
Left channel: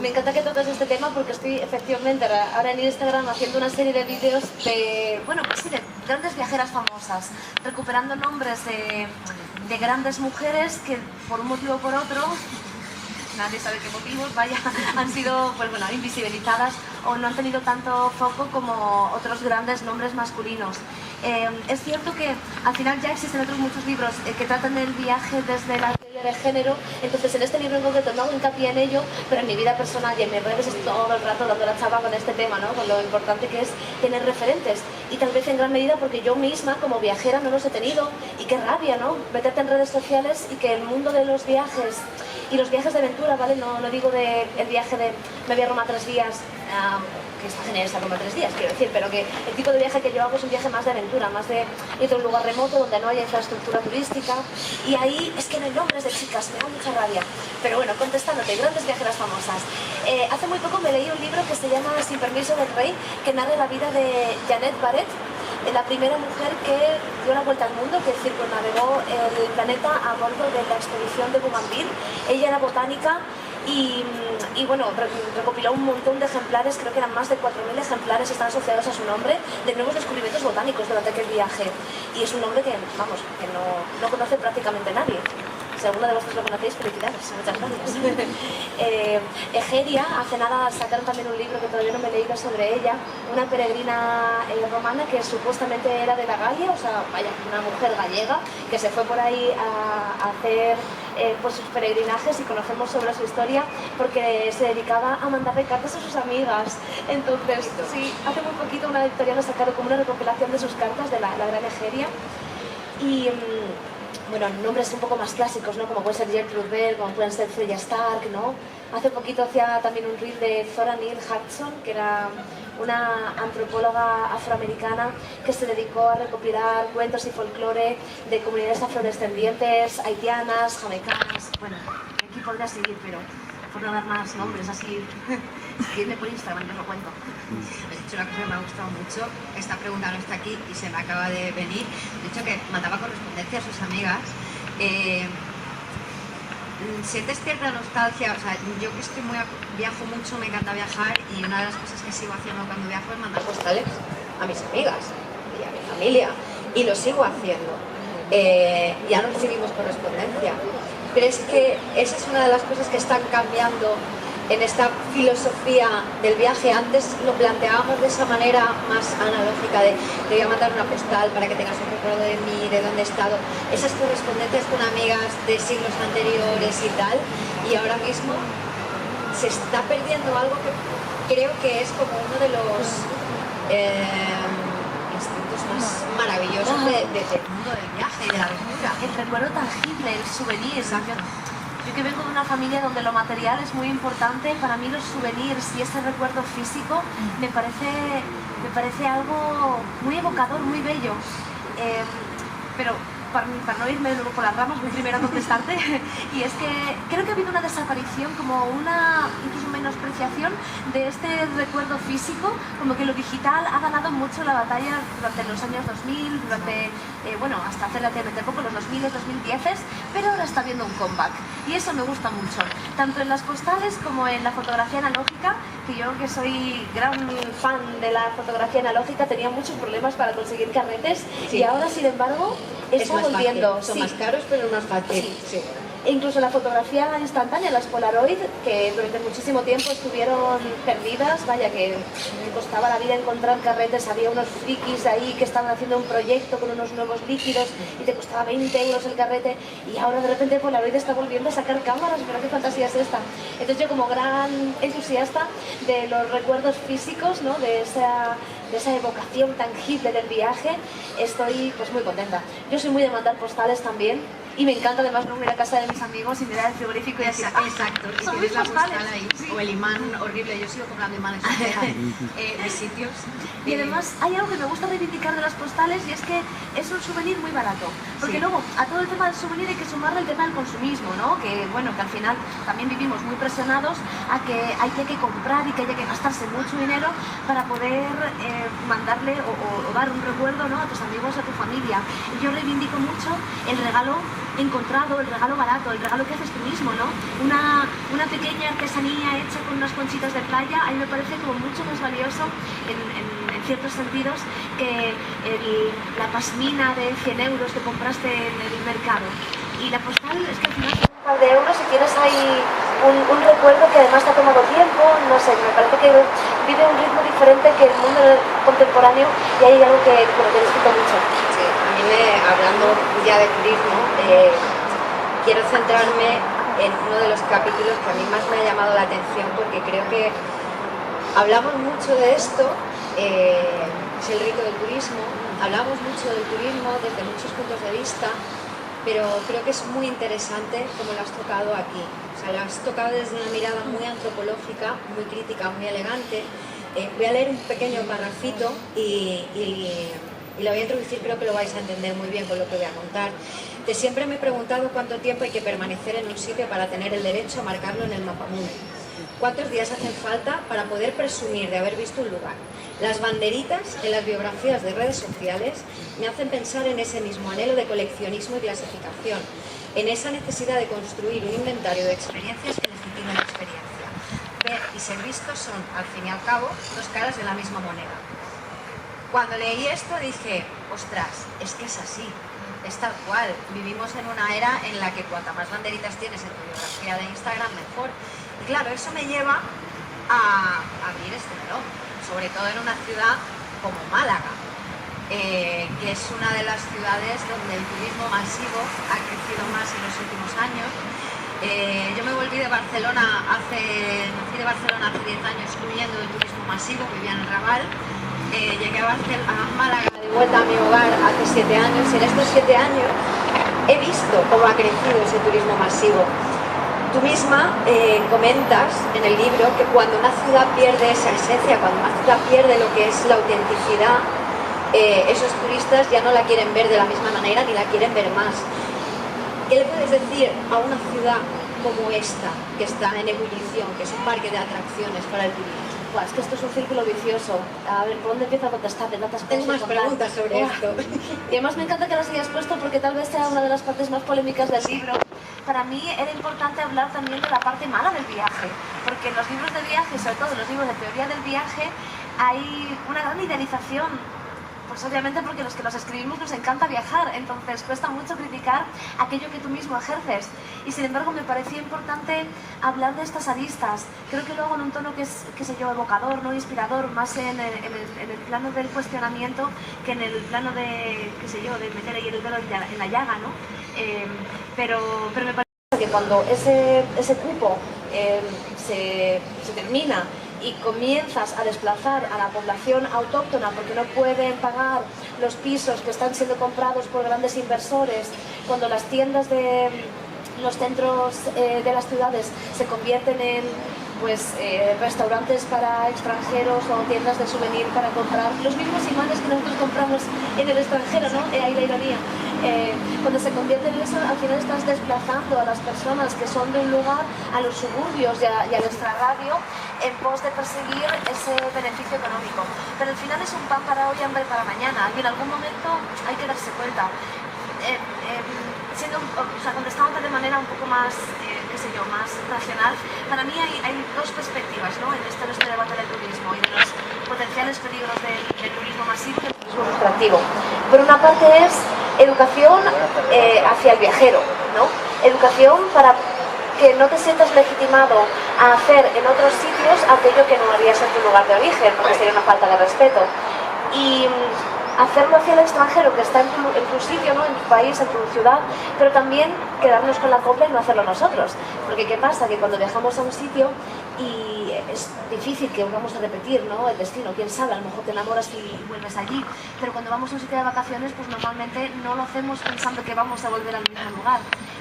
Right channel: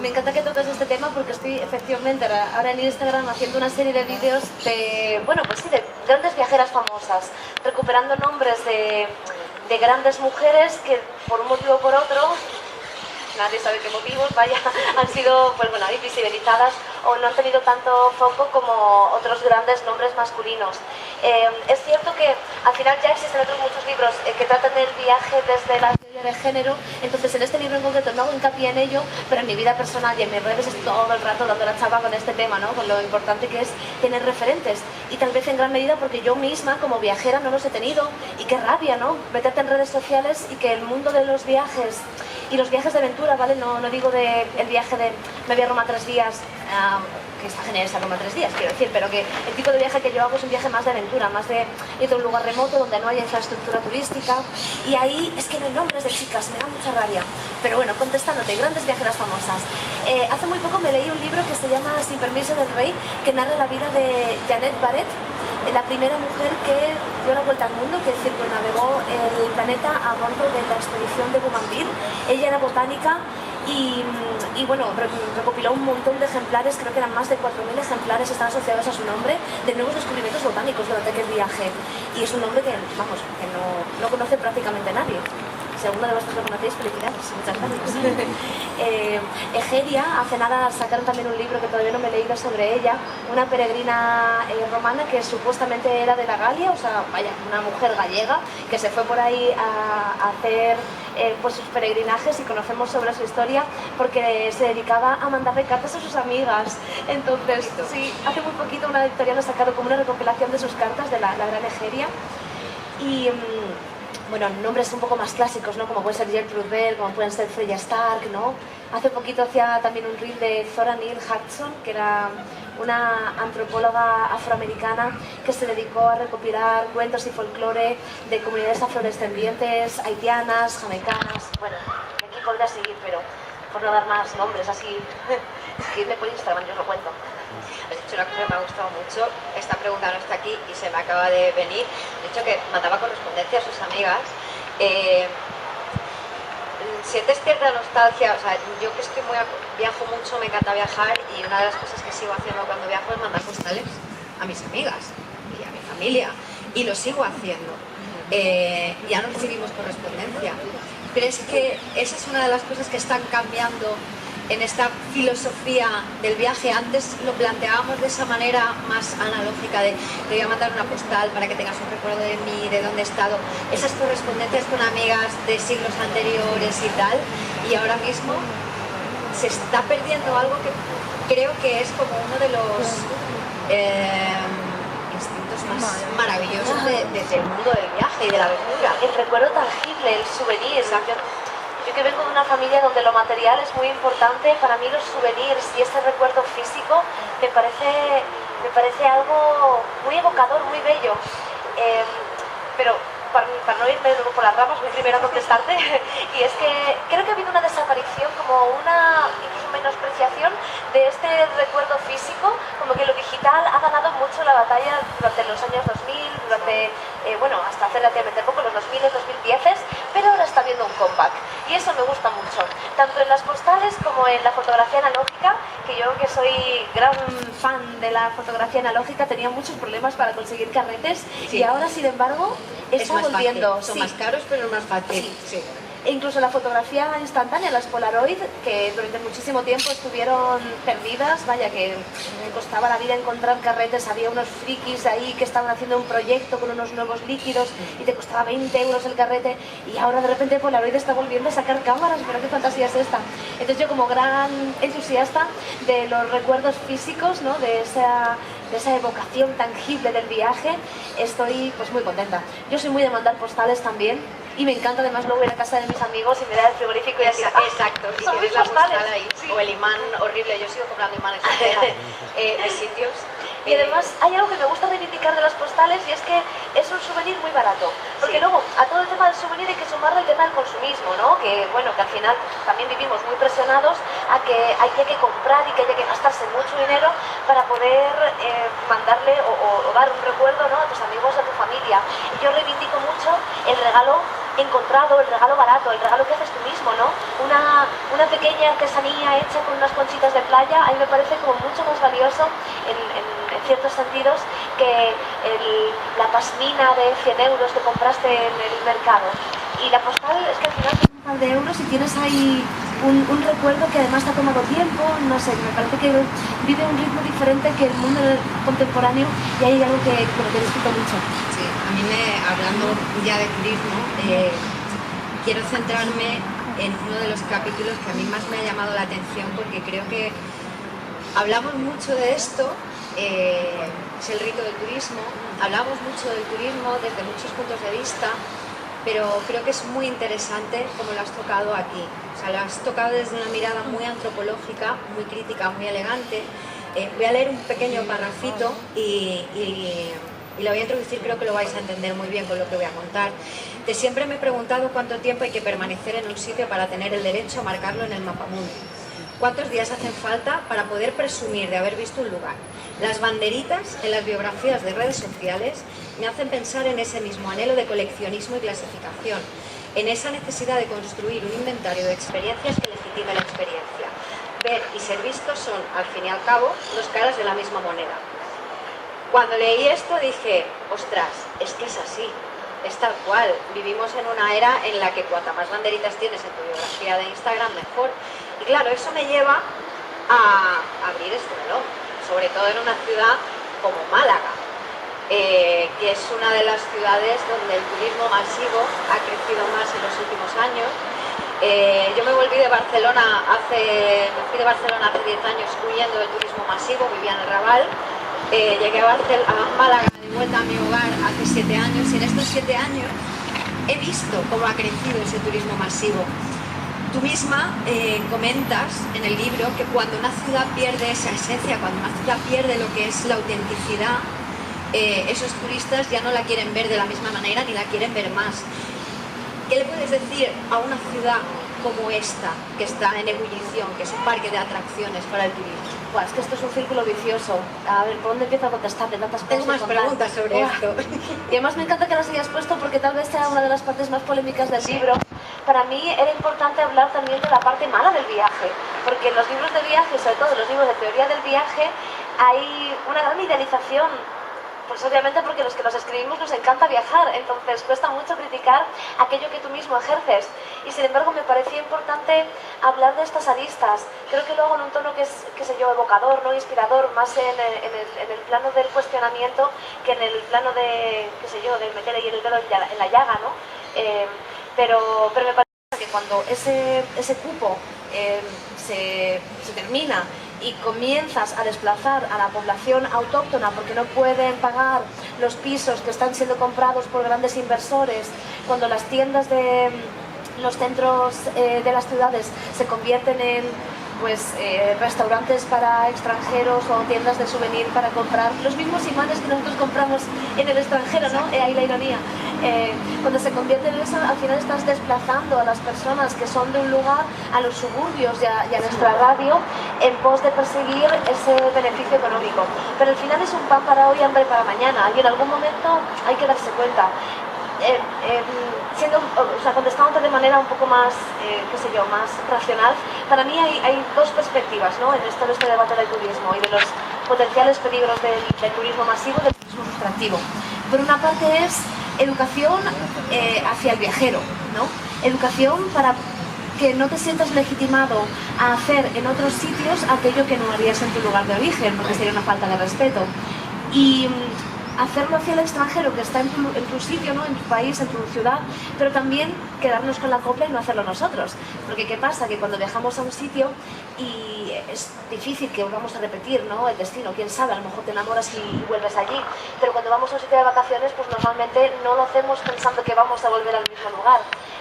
Me encanta que toques este tema porque estoy efectivamente ahora en Instagram haciendo una serie de vídeos de, bueno, pues sí, de grandes viajeras famosas, recuperando nombres de grandes mujeres que por un motivo o por otro, nadie sabe qué motivos, vaya, han sido, pues bueno, invisibilizadas o no han tenido tanto foco como otros grandes nombres masculinos. Es cierto que al final ya existen otros muchos libros que tratan el viaje desde la teoría de género, entonces en este libro en concreto no hago hincapié en ello, pero en mi vida personal y en mis redes estoy todo el rato dando la chapa con este tema, ¿no? Con lo importante que es tener referentes, y tal vez en gran medida porque yo misma como viajera no los he tenido, y qué rabia, ¿no? Meterte en redes sociales y que el mundo de los viajes y los viajes de aventura, ¿vale? No digo el viaje de me voy a Roma 3 días, que está genial esa Roma 3 días, quiero decir, pero que el tipo de viaje que yo hago es un viaje más de aventura, más de ir a un lugar remoto donde no haya infraestructura turística, y ahí es que no hay nombres de chicas, me da mucha rabia. Pero bueno, contestándote, grandes viajeras famosas. Hace muy poco me leí un libro que se llama Sin permiso del rey, que narra la vida de Janet Barrett, la primera mujer que dio la vuelta al mundo, que circunnavegó el planeta a bordo de la expedición de Bougainville. Ella era botánica y bueno, recopiló un montón de ejemplares, creo que eran más de 4.000 ejemplares, están asociados a su nombre, de nuevos descubrimientos botánicos durante aquel viaje. Y es un nombre que, vamos, que no conoce prácticamente nadie. Si alguno de vosotros lo conocéis, felicidades, muchas gracias. Egeria, hace nada sacaron también un libro que todavía no me he leído sobre ella, una peregrina romana que supuestamente era de la Galia, o sea, vaya, una mujer gallega que se fue por ahí a hacer pues sus peregrinajes, y conocemos sobre su historia porque se dedicaba a mandarle cartas a sus amigas. Entonces, sí, hace muy poquito una editorial ha sacado como una recopilación de sus cartas de la gran Egeria. Y bueno, nombres un poco más clásicos, ¿no? Como puede ser Gertrude Bell, como pueden ser Freya Stark, ¿no? Hace poquito hacía también un reel de Zora Neale Hurston, que era una antropóloga afroamericana que se dedicó a recopilar cuentos y folclore de comunidades afrodescendientes, haitianas, jamaicanas. Bueno, aquí podría seguir, pero por no dar más nombres, así, escribidme por Instagram, yo os lo cuento. Has dicho una cosa que me ha gustado mucho. Esta pregunta no está aquí y se me acaba de venir. He dicho que mandaba correspondencia a sus amigas. ¿Sientes cierta nostalgia? O sea, yo que viajo mucho, me encanta viajar, y una de las cosas que sigo haciendo cuando viajo es mandar postales a mis amigas y a mi familia, y lo sigo haciendo. ya no recibimos correspondencia. ¿Crees que esa es una de las cosas que están cambiando en esta filosofía del viaje? Antes lo planteábamos de esa manera más analógica de te voy a mandar una postal para que tengas un recuerdo de mí, de dónde he estado, esas correspondencias con amigas de siglos anteriores y tal, y ahora mismo se está perdiendo algo que creo que es como uno de los instintos más maravillosos del mundo del viaje y de la aventura. El recuerdo tangible, el souvenir. Yo que vengo de una familia donde lo material es muy importante, para mí los souvenirs y ese recuerdo físico me parece algo muy evocador, muy bello. Pero para no irme luego por las ramas, voy primero a contestarte, y es que creo que ha habido una desaparición, como una incluso menospreciación de este recuerdo físico, como que lo digital ha ganado mucho la batalla durante los años 2000, durante, bueno, hasta hace relativamente poco, los 2000, 2010, pero ahora está habiendo un comeback, y eso me gusta mucho, tanto en las postales como en la fotografía analógica, que yo que soy gran fan de la fotografía analógica tenía muchos problemas para conseguir carretes, sí. Y ahora sin embargo está volviendo. Son más caros, pero es más fácil. Sí. E incluso la fotografía instantánea, las Polaroid, que durante muchísimo tiempo estuvieron perdidas, vaya que me costaba la vida encontrar carretes, había unos frikis ahí que estaban haciendo un proyecto con unos nuevos líquidos y te costaba 20 euros el carrete, y ahora de repente Polaroid está volviendo a sacar cámaras, pero qué fantasía es esta. Entonces yo, como gran entusiasta de los recuerdos físicos, ¿no? de esa evocación tangible del viaje, estoy pues muy contenta. Yo soy muy de mandar postales también, y me encanta además luego ir a casa de mis amigos y mirar el frigorífico y decir, exacto, y tienes la postal ahí, sí. O el imán horrible, yo sigo comprando imanes de sitios. Y además hay algo que me gusta reivindicar de las postales, y es que es un souvenir muy barato, porque luego a todo el tema del souvenir hay que sumarle el tema del consumismo, ¿no? Que bueno, que al final también vivimos muy presionados a que hay que comprar y que hay que gastarse mucho dinero para poder mandarle o dar un recuerdo, ¿no? a tus amigos, a tu familia. Y yo reivindico mucho el regalo encontrado, el regalo barato, el regalo que haces tú mismo, ¿no? Una pequeña artesanía hecha con unas conchitas de playa, a mí me parece como mucho más valioso en ciertos sentidos que la pasmina de 100 euros que compraste en el mercado. Y la postal es que al final tiene un par de euros y tienes ahí un recuerdo que además te ha tomado tiempo, no sé, me parece que vive un ritmo diferente que el mundo contemporáneo, y hay algo que disfruto mucho. Sí, a mí hablando ya de turismo, quiero centrarme en uno de los capítulos que a mí más me ha llamado la atención, porque creo que hablamos mucho de esto, es el rito del turismo, hablamos mucho del turismo desde muchos puntos de vista, pero creo que es muy interesante como lo has tocado aquí. O sea, lo has tocado desde una mirada muy antropológica, muy crítica, muy elegante. Voy a leer un pequeño parrafito y lo voy a introducir, creo que lo vais a entender muy bien con lo que voy a contar. De siempre me he preguntado cuánto tiempo hay que permanecer en un sitio para tener el derecho a marcarlo en el mapamundi. ¿Cuántos días hacen falta para poder presumir de haber visto un lugar? Las banderitas en las biografías de redes sociales me hacen pensar en ese mismo anhelo de coleccionismo y clasificación, en esa necesidad de construir un inventario de experiencias que legitime la experiencia. Ver y ser visto son, al fin y al cabo, dos caras de la misma moneda. Cuando leí esto dije, ostras, es que es así, es tal cual. Vivimos en una era en la que cuanta más banderitas tienes en tu biografía de Instagram, mejor. Y claro, eso me lleva a abrir este melón, sobre todo en una ciudad como Málaga, que es una de las ciudades donde el turismo masivo ha crecido más en los últimos años. Yo me volví de Barcelona hace 10 años huyendo del turismo masivo, vivía en el Raval. Llegué a Málaga de vuelta a mi hogar hace 7 años, y en estos 7 años he visto cómo ha crecido ese turismo masivo. Tú misma comentas en el libro que cuando una ciudad pierde esa esencia, cuando una ciudad pierde lo que es la autenticidad, esos turistas ya no la quieren ver de la misma manera ni la quieren ver más. ¿Qué le puedes decir a una ciudad como esta, que está en ebullición, que es un parque de atracciones para el turismo? Pues es que esto es un círculo vicioso. A ver, ¿por dónde empiezo a contestarte tantas cosas? Tengo más preguntas sobre esto. Y además me encanta que las hayas puesto, porque tal vez sea una de las partes más polémicas del libro. Para mí era importante hablar también de la parte mala del viaje, porque en los libros de viaje, sobre todo en los libros de teoría del viaje, hay una gran idealización pues obviamente porque los que los escribimos nos encanta viajar, entonces cuesta mucho criticar aquello que tú mismo ejerces. Y sin embargo me parecía importante hablar de estas aristas. Creo que lo hago en un tono que es, qué sé yo, evocador, no inspirador, más en el plano del cuestionamiento que en el plano de, qué sé yo, de meter ahí el dedo en la llaga, ¿no? Pero me parece que cuando ese cupo se termina y comienzas a desplazar a la población autóctona porque no pueden pagar los pisos que están siendo comprados por grandes inversores, cuando las tiendas de los centros de las ciudades se convierten en restaurantes para extranjeros o tiendas de souvenir para comprar los mismos imanes que nosotros compramos en el extranjero, ¿no? Ahí la ironía. Cuando se convierte en eso, al final estás desplazando a las personas que son de un lugar a los suburbios y al extrarradio en pos de perseguir ese beneficio económico. Pero al final es un pan para hoy, hambre para mañana, y en algún momento hay que darse cuenta. Contestándote de manera un poco más, más racional, para mí hay dos perspectivas, ¿no?, en todo este debate del turismo y de los potenciales peligros del turismo masivo y del turismo extractivo. Por una parte es educación hacia el viajero, ¿no? Educación para que no te sientas legitimado a hacer en otros sitios aquello que no harías en tu lugar de origen, porque sería una falta de respeto. Y hacerlo hacia el extranjero que está en tu sitio, ¿no?, en tu país, en tu ciudad, pero también quedarnos con la copla y no hacerlo nosotros. Porque ¿qué pasa? Que cuando viajamos a un sitio y es difícil que volvamos a repetir, ¿no?, el destino, quién sabe, a lo mejor te enamoras y vuelves allí, pero cuando vamos a un sitio de vacaciones, pues normalmente no lo hacemos pensando que vamos a volver al mismo lugar.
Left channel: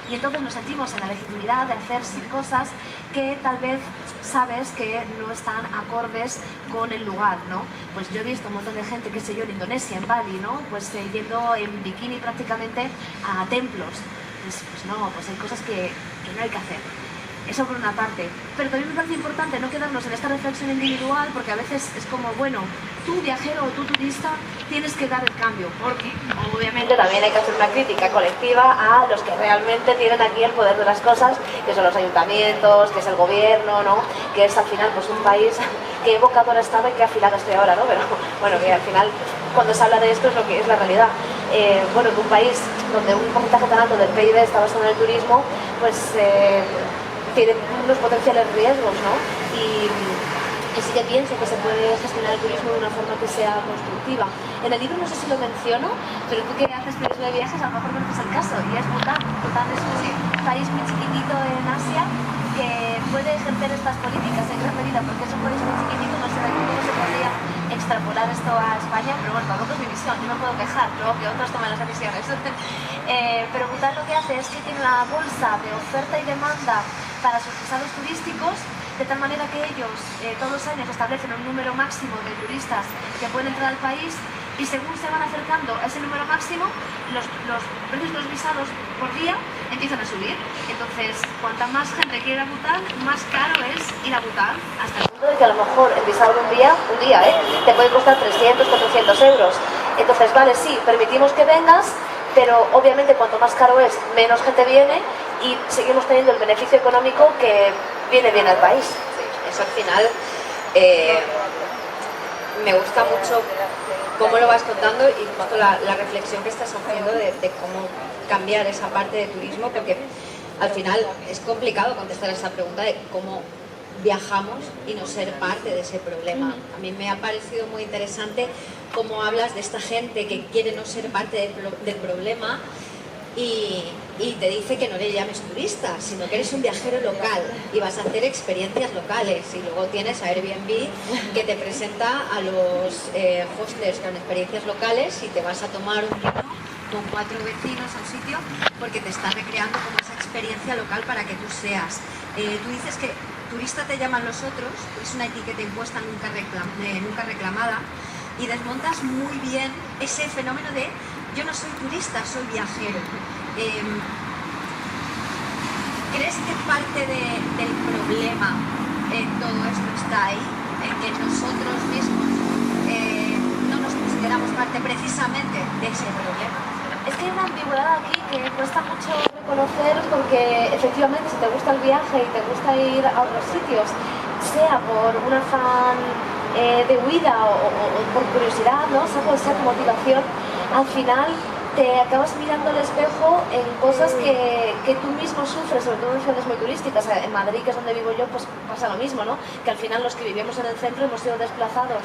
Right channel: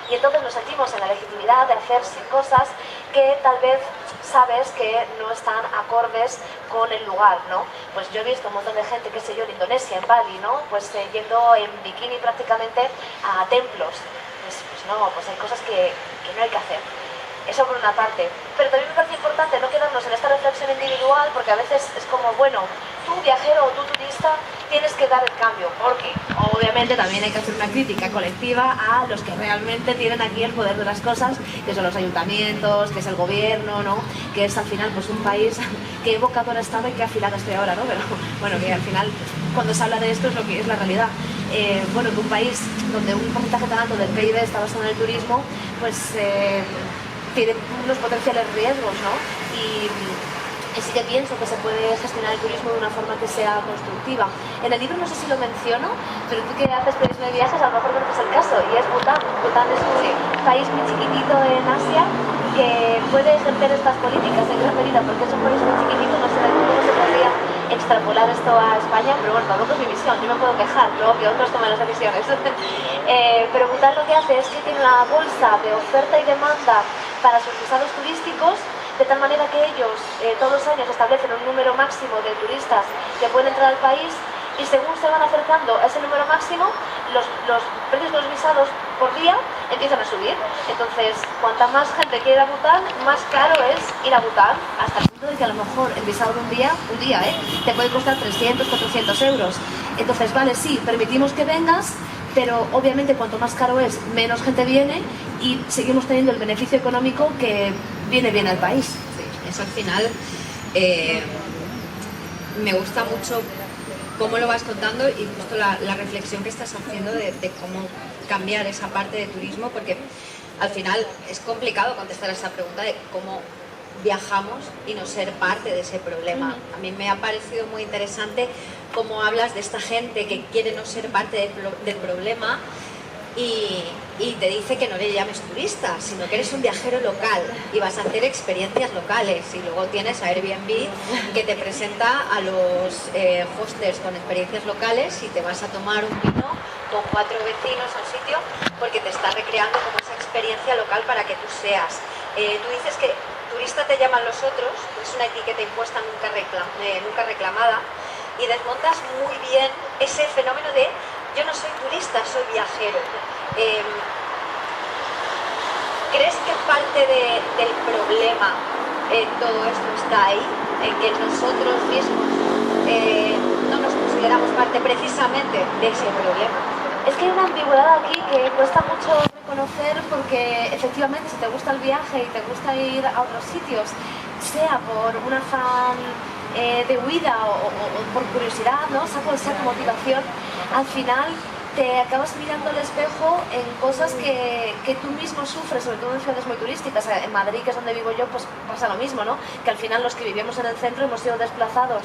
Y entonces nos sentimos en la legitimidad de hacer cosas que tal vez sabes que no están acordes con el lugar, ¿no? Pues yo he visto un montón de gente, qué sé yo, en Indonesia, en Bali, ¿no?, pues yendo en bikini prácticamente a templos. Pues no, pues hay cosas que no hay que hacer. Eso por una parte. Pero también me parece importante no quedarnos en esta reflexión individual, porque a veces es como, bueno, tú viajero o tú turista tienes que dar el cambio, porque obviamente también hay que hacer una crítica colectiva a los que realmente tienen aquí el poder de las cosas, que son los ayuntamientos, que es el gobierno, ¿no?, que es al final pues un país que evocadora estaba y que afilada estoy ahora, ¿no? Pero bueno, que al final cuando se habla de esto es lo que es la realidad. Que un país donde un porcentaje tan alto del PIB está basado en el turismo, pues tiene unos potenciales riesgos, ¿no? Y sí que pienso que se puede gestionar el turismo de una forma que sea constructiva. En el libro no sé si lo menciono, pero tú que haces periodismo de viajes a lo mejor conoces el caso, y es Bután. Bután es un país muy chiquitito en Asia que puede ejercer estas políticas en gran medida porque es un país muy chiquitito, no sé cómo se podría extrapolar esto a España, pero bueno, tampoco es mi visión, yo me puedo quejar, luego que otros tomen las decisiones. Pero Bután lo que hace es que tiene una bolsa de oferta y demanda para sus visados turísticos, de tal manera que ellos todos los años establecen un número máximo de turistas que pueden entrar al país, y según se van acercando a ese número máximo, los precios de los visados por día empiezan a subir. Entonces, cuanta más gente quiere ir a Bután, más caro es ir a Bután, hasta el punto de que a lo mejor el visado de un día, te puede costar 300, 400 euros. Entonces, vale, sí, permitimos que vengas, pero obviamente cuanto más caro es, menos gente viene y seguimos teniendo el beneficio económico que viene bien al país. Sí, eso al final me gusta mucho cómo lo vas contando y justo la reflexión que estás haciendo de cómo cambiar esa parte de turismo, porque al final es complicado contestar a esa pregunta de cómo viajamos y no ser parte de ese problema. A mí me ha parecido muy interesante cómo hablas de esta gente que quiere no ser parte del problema y te dice que no le llames turista, sino que eres un viajero local y vas a hacer experiencias locales, y luego tienes a Airbnb que te presenta a los hostels con experiencias locales y te vas a tomar un vino con 4 vecinos al sitio porque te está recreando como esa experiencia local para que tú seas. Tú dices que turista te llaman los otros, es una etiqueta impuesta nunca reclamada, y desmontas muy bien ese fenómeno de yo no soy turista, soy viajero. ¿Crees que parte del problema en todo esto está ahí? En que nosotros mismos no nos consideramos parte precisamente de ese problema. Es que hay una ambigüedad aquí que cuesta mucho reconocer, porque efectivamente si te gusta el viaje y te gusta ir a otros sitios, sea por un afán de huida o por curiosidad, ¿no? Sea cual sea tu motivación, al final te acabas mirando al espejo en cosas que tú mismo sufres, sobre todo en ciudades muy turísticas. En Madrid, que es donde vivo yo, pues pasa lo mismo, ¿no? Que al final los que vivimos en el centro hemos sido desplazados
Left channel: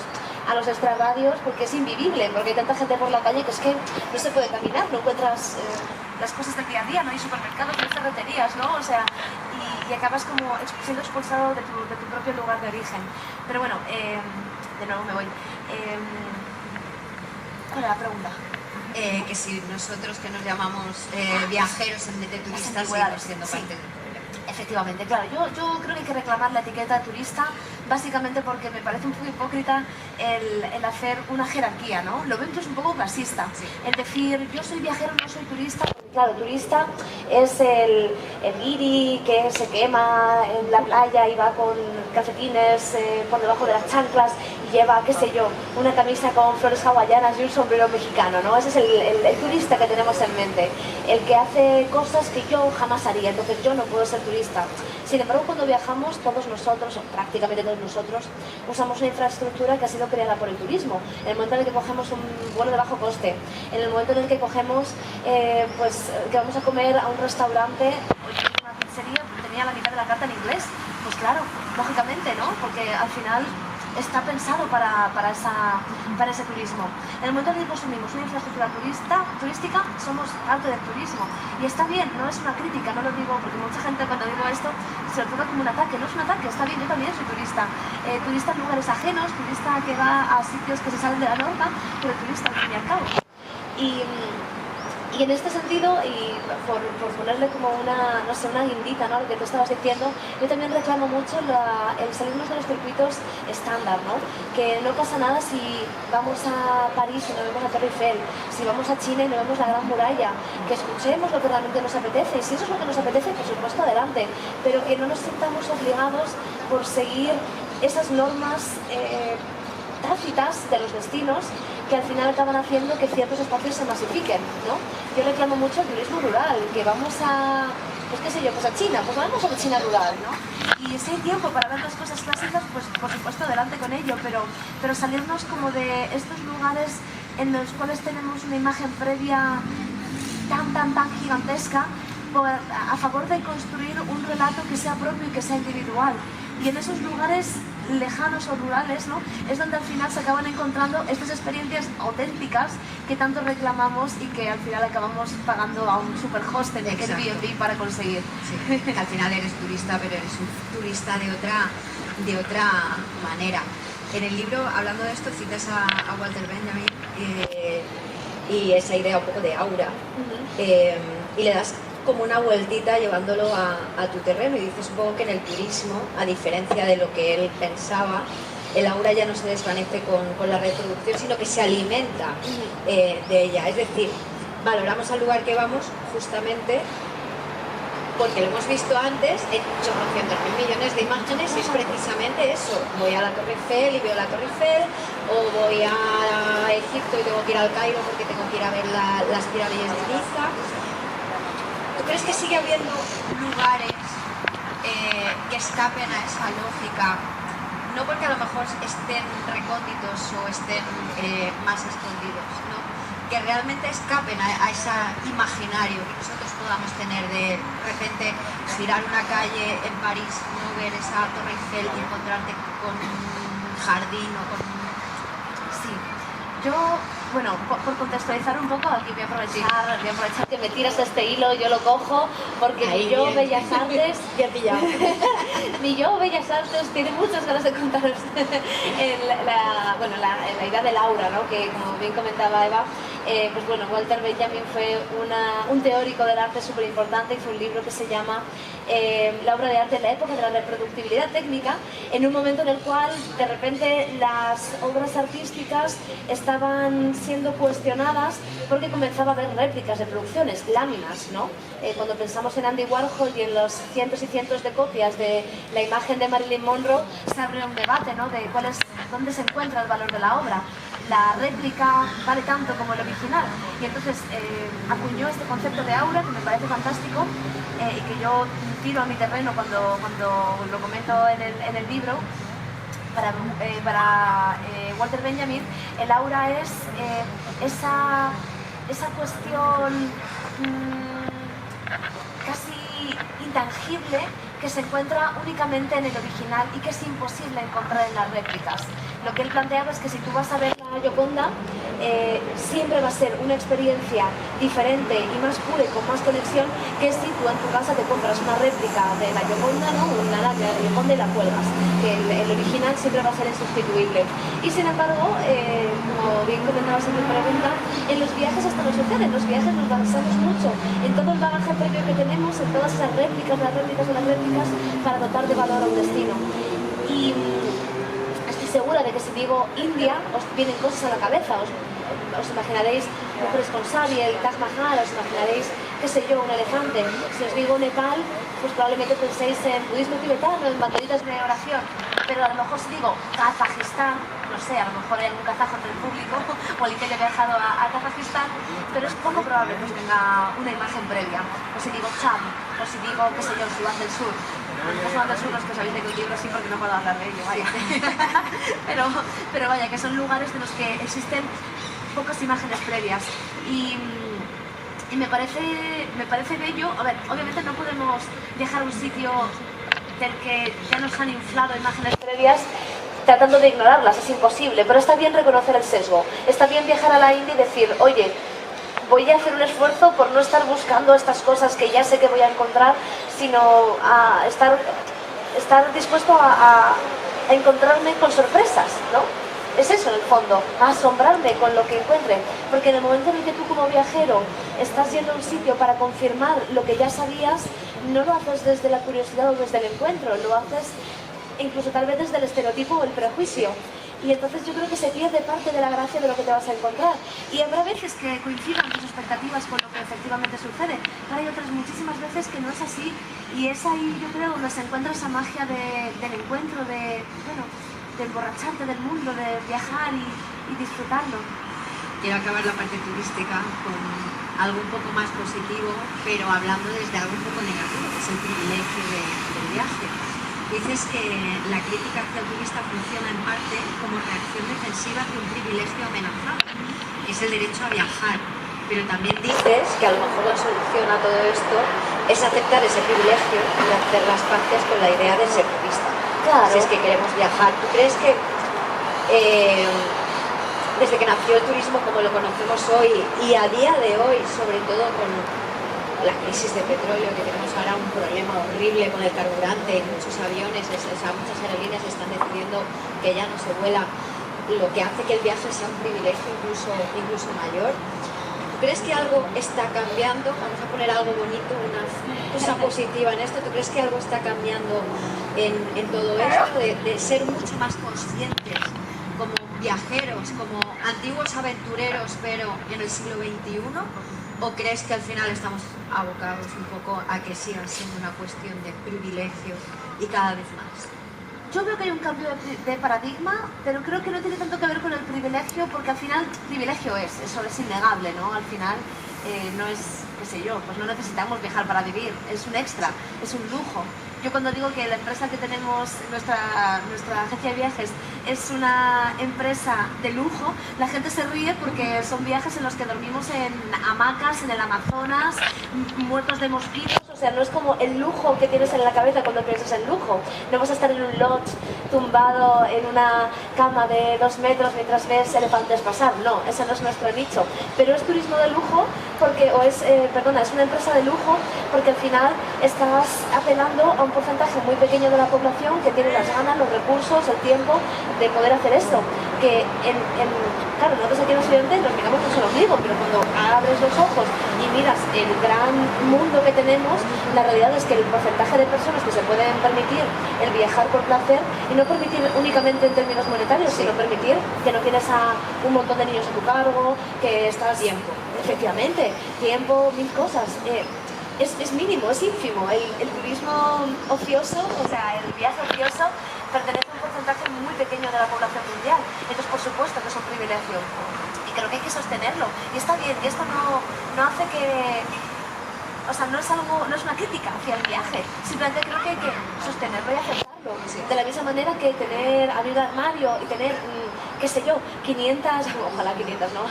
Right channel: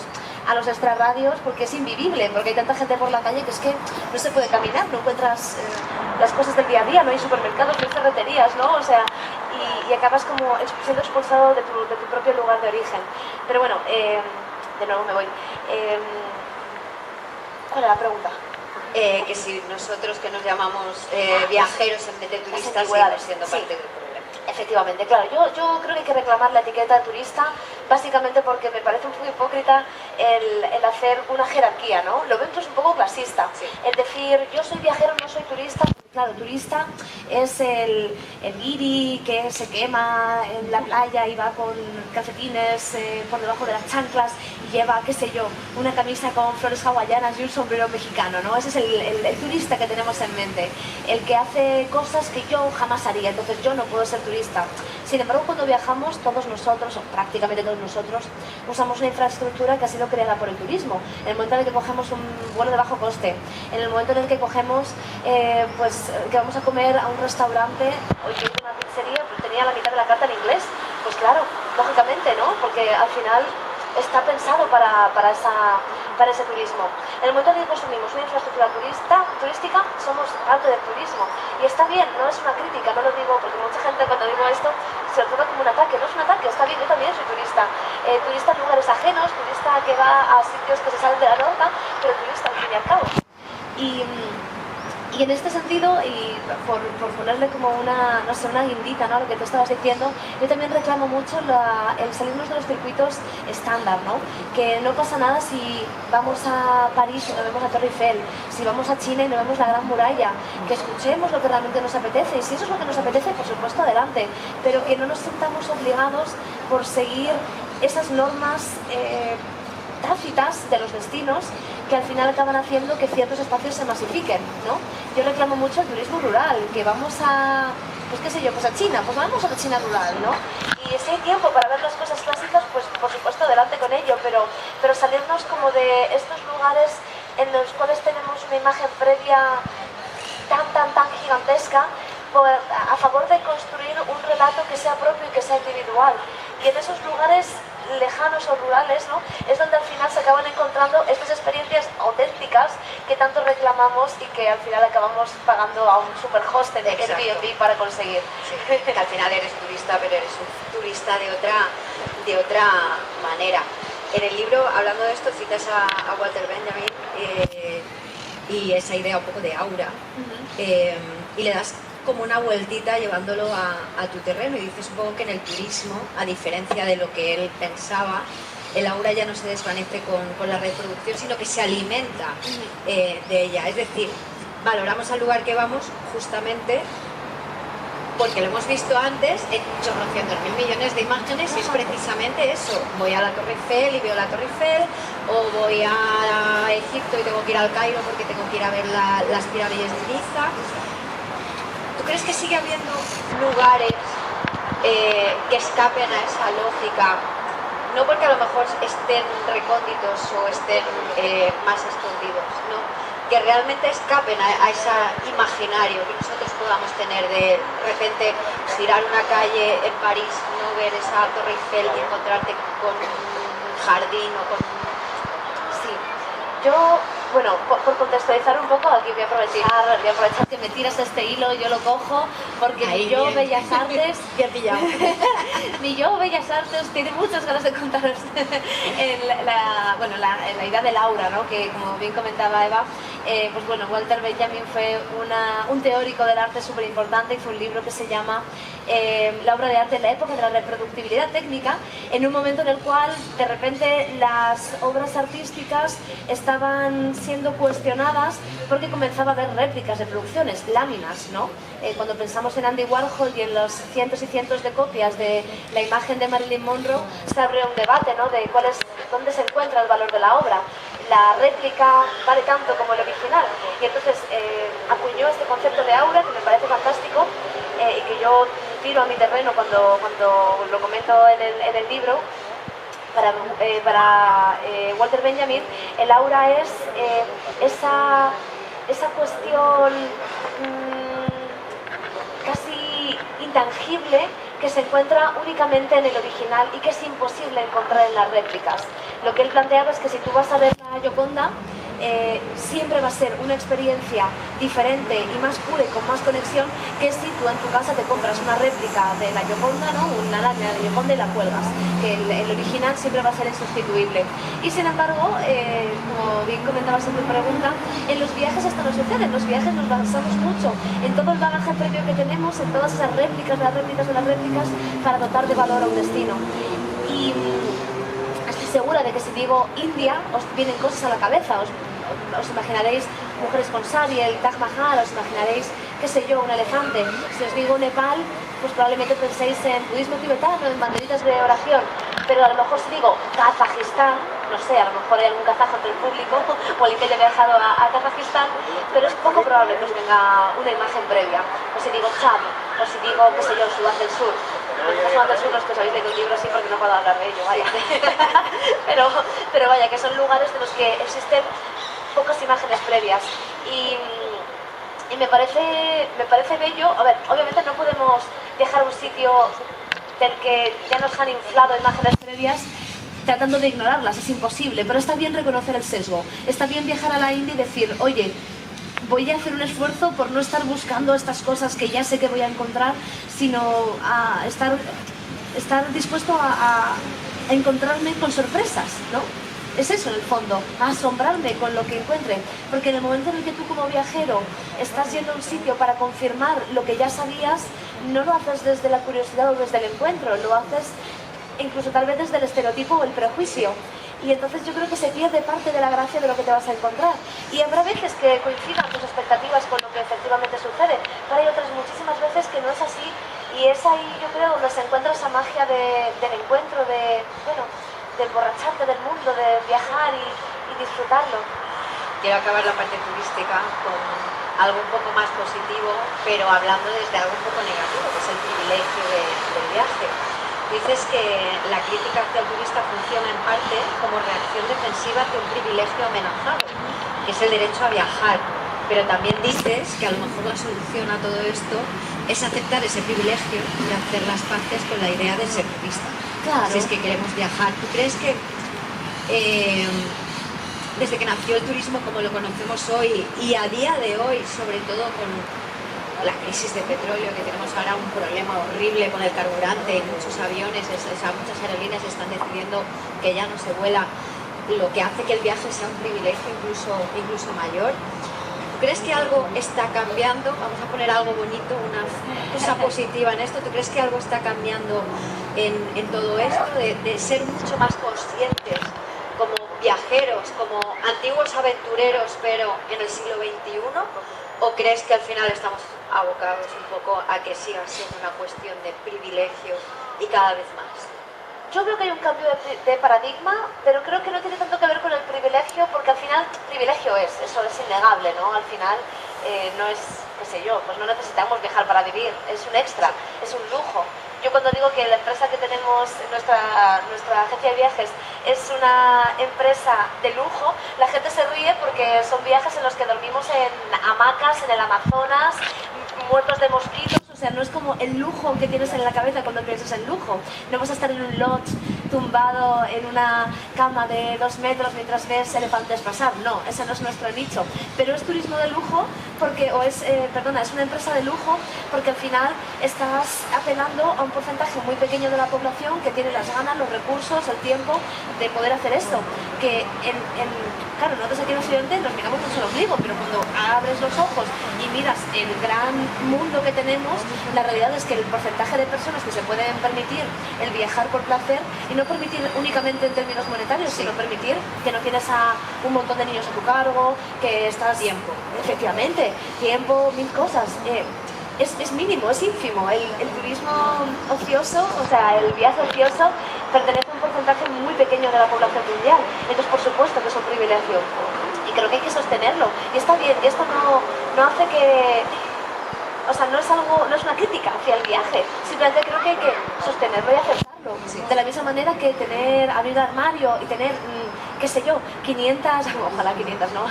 a los extrarradios porque es invivible, porque hay tanta gente por la calle que es que no se puede caminar, no encuentras las cosas del día a día, no hay supermercados, no hay ferreterías, ¿no? O sea, y acabas como siendo expulsado de tu propio lugar de origen. Pero bueno, de nuevo me voy. ¿Cuál era la pregunta? Que si nosotros que nos llamamos viajeros en vez de turistas seguimos siendo parte del problema. Efectivamente, claro, yo creo que hay que reclamar la etiqueta turista básicamente porque me parece un poco hipócrita el hacer una jerarquía, ¿no? Lo veo incluso un poco clasista, sí. El decir yo soy viajero, no soy turista, porque claro, turista es el guiri que se quema en la playa y va con calcetines por debajo de las chanclas y lleva, qué sé yo, una camisa con flores hawaianas y un sombrero mexicano, ¿no? Ese es el turista que tenemos en mente, el que hace cosas que yo jamás haría, entonces yo no puedo ser turista. Sin embargo, cuando viajamos, todos nosotros, o prácticamente todos nosotros, usamos una infraestructura que ha sido creada por el turismo. En el momento en el que cogemos un vuelo de bajo coste, en el momento en el que cogemos, pues que vamos a comer a un restaurante, o yo una pizzería, pero tenía la mitad de la carta en inglés, pues claro, lógicamente, ¿no? Porque al final está pensado para ese turismo. En el momento en el que consumimos una infraestructura turística, somos parte del turismo. Y está bien, no es una crítica, no lo digo porque mucha gente cuando digo esto se lo toma como un ataque. No es un ataque, está bien, yo también soy turista. Turista en lugares ajenos, turista que va a sitios que se salen de la norma, pero turista al fin y al cabo. Y en este sentido, y por ponerle como una, no sé, una guindita, ¿no?, lo que tú estabas diciendo, yo también reclamo mucho el salirnos de los circuitos estándar, ¿no? Que no pasa nada si vamos a París y no vemos la Torre Eiffel, si vamos a China y no vemos la Gran Muralla, que escuchemos lo que realmente nos apetece, y si eso es lo que nos apetece, por supuesto, adelante, pero que no nos sintamos obligados por seguir esas normas tácitas de los destinos que al final acaban haciendo que ciertos espacios se masifiquen, ¿no? Yo reclamo mucho el turismo rural, que vamos a, pues qué sé yo, pues a China, pues vamos a la China rural, ¿no? Y si hay tiempo para ver las cosas clásicas, pues por supuesto adelante con ello, pero salirnos como de estos lugares en los cuales tenemos una imagen previa tan gigantesca, a favor de construir un relato que sea propio y que sea individual. Y en esos lugares lejanos o rurales, ¿no?, es donde al final se acaban encontrando estas experiencias auténticas que tanto reclamamos y que al final acabamos pagando a un super hostel de Airbnb para conseguir. Sí, que al final eres turista, pero eres un turista de otra manera. En el libro, hablando de esto, citas a Walter Benjamin y esa idea un poco de aura, y le das como una vueltita llevándolo a tu terreno y dices, supongo que en el turismo, a diferencia de lo que él pensaba, el aura ya no se desvanece con la reproducción, sino que se alimenta de ella. Es decir, valoramos al lugar que vamos justamente porque lo hemos visto antes en 800.000 millones de imágenes y es precisamente eso. Voy a la Torre Eiffel y veo la Torre Eiffel, o voy a Egipto y tengo que ir al Cairo porque tengo que ir a ver las pirámides de Giza. ¿Tú crees que sigue habiendo lugares que escapen a esa lógica? No porque a lo mejor estén recónditos o estén más escondidos, ¿no?, que realmente escapen a ese imaginario que nosotros podamos tener de repente girar una calle en París, no ver esa Torre Eiffel y encontrarte con un jardín o con... Sí, yo... Bueno, por contextualizar un poco, aquí voy a aprovechar que me tiras este hilo, yo lo cojo, porque ahí, mi yo bien. Bellas Artes, bien pillado. mi yo Bellas Artes tiene muchas ganas de contaros la idea del aura, ¿no?, que como bien comentaba Eva, pues bueno, Walter Benjamin fue un teórico del arte súper importante, hizo un libro que se llama La obra de arte en la época de la reproductibilidad técnica, en un momento en el cual de repente las obras artísticas estaban siendo cuestionadas porque comenzaba a haber réplicas de producciones, láminas, ¿no? Cuando pensamos en Andy Warhol y en los cientos y cientos de copias de la imagen de Marilyn Monroe, se abre un debate, ¿no?, de dónde se encuentra el valor de la obra. La réplica vale tanto como el original, y entonces acuñó este concepto de aura que me parece fantástico y que yo tiro a mi terreno cuando lo comento en el libro, para Walter Benjamin, el aura es esa cuestión casi intangible que se encuentra únicamente en el original y que es imposible encontrar en las réplicas. Lo que él planteaba es que si tú vas a ver la Gioconda, siempre va a ser una experiencia diferente y más pura y con más conexión que si tú en tu casa te compras una réplica de la Gioconda, ¿no? Una lámina de la Gioconda y la cuelgas, que el original siempre va a ser insustituible. Y sin embargo, como bien comentabas en tu pregunta, en los viajes esto no sucede. En los viajes nos basamos mucho en todo el bagaje previo que tenemos, en todas esas réplicas, las réplicas de las réplicas, para dotar de valor a un destino. Y estoy segura de que si digo India, os vienen cosas a la cabeza. Os imaginaréis mujeres con sari, el Taj Mahal, os imaginaréis, qué sé yo, un elefante. Si os digo Nepal, pues probablemente penséis en budismo tibetano, en banderitas de oración. Pero a lo mejor si digo Kazajistán, no sé, a lo mejor hay algún kazajo entre el público o alguien que haya viajado a Kazajistán, pero es poco probable que os venga una imagen previa. O si digo Chad, o si digo, qué sé yo, Sudán del Sur. Sudán del Sur, los que os habéis leído el libro así porque no puedo hablar de ello, vaya. pero vaya, que son lugares de los que existen pocas imágenes previas. Y me parece bello. A ver, obviamente no podemos viajar a un sitio del que ya nos han inflado imágenes previas tratando de ignorarlas, es imposible, pero está bien reconocer el sesgo, está bien viajar a la India y decir, oye, voy a hacer un esfuerzo por no estar buscando estas cosas que ya sé que voy a encontrar, sino a estar dispuesto a encontrarme con sorpresas, ¿no? Es eso en el fondo, a asombrarme con lo que encuentre, porque en el momento en el que tú como viajero estás yendo a un sitio para confirmar lo que ya sabías, no lo haces desde la curiosidad o desde el encuentro, lo haces incluso tal vez desde el estereotipo o el prejuicio. Y entonces yo creo que se pierde parte de la gracia de lo que te vas a encontrar. Y habrá veces que coincidan tus expectativas con lo que efectivamente sucede, pero hay otras muchísimas veces que no es así, y es ahí yo creo donde se encuentra esa magia del encuentro, de emborracharte del mundo, de viajar y disfrutarlo. Quiero acabar la parte turística con algo un poco más positivo, pero hablando desde algo un poco negativo, que es el privilegio del viaje. Dices que la crítica hacia el turista funciona en parte como reacción defensiva hacia un privilegio amenazado, que es el derecho a viajar. Pero también dices que a lo mejor la solución a todo esto es aceptar ese privilegio y hacer las paces con la idea de ser turista. Claro. Si es que queremos viajar. ¿Tú crees que desde que nació el turismo como lo conocemos hoy y a día de hoy, sobre todo con la crisis de petróleo, que tenemos ahora un problema horrible con el carburante en muchos aviones, muchas aerolíneas están decidiendo que ya no se vuela, lo que hace que el viaje sea un privilegio incluso mayor? ¿Tú crees que algo está cambiando? Vamos a poner algo bonito, una cosa positiva en esto. ¿Tú crees que algo está cambiando en todo esto? De ser mucho más conscientes como viajeros, como antiguos aventureros, pero en el siglo XXI? ¿O crees que al final estamos abocados un poco a que siga siendo una cuestión de privilegio y cada vez más? Yo veo que hay un cambio de paradigma, pero creo que no tiene tanto que ver con el privilegio, porque al final privilegio eso es innegable, ¿no? Al final no es, qué sé yo, pues no necesitamos viajar para vivir, es un extra, es un lujo. Yo cuando digo que la empresa que tenemos, nuestra agencia de viajes, es una empresa de lujo, la gente se ríe porque son viajes en los que dormimos en hamacas, en el Amazonas, muertos de mosquitos. O sea, no es como el lujo que tienes en la cabeza cuando piensas en lujo. No vas a estar en un lodge tumbado en una cama de 2 metros mientras ves elefantes pasar. No, ese no es nuestro nicho. Pero es turismo de lujo porque, es una empresa de lujo porque al final estás apelando a un porcentaje muy pequeño de la población que tiene las ganas, los recursos, el tiempo de poder hacer esto. Que claro, nosotros aquí en Occidente nos miramos mucho el ombligo, pero cuando abres los ojos y miras el gran mundo que tenemos, la realidad es que el porcentaje de personas que se pueden permitir el viajar por placer, y no permitir únicamente en términos monetarios, sino permitir que no tienes a un montón de niños a tu cargo, que estás... Tiempo. Efectivamente, tiempo, mil cosas. Es mínimo, es ínfimo. El turismo ocioso, o sea, el viaje ocioso, pertenece a un porcentaje muy pequeño de la población mundial. Entonces, por supuesto que es un privilegio. Y creo que hay que sostenerlo. Y está bien, y esto no hace que... O sea, no es una crítica hacia el viaje. Simplemente creo que hay que sostenerlo y aceptarlo. ejemplo. Sí. De la misma manera que abrir un armario y tener, qué sé yo, 500, ojalá 500, no,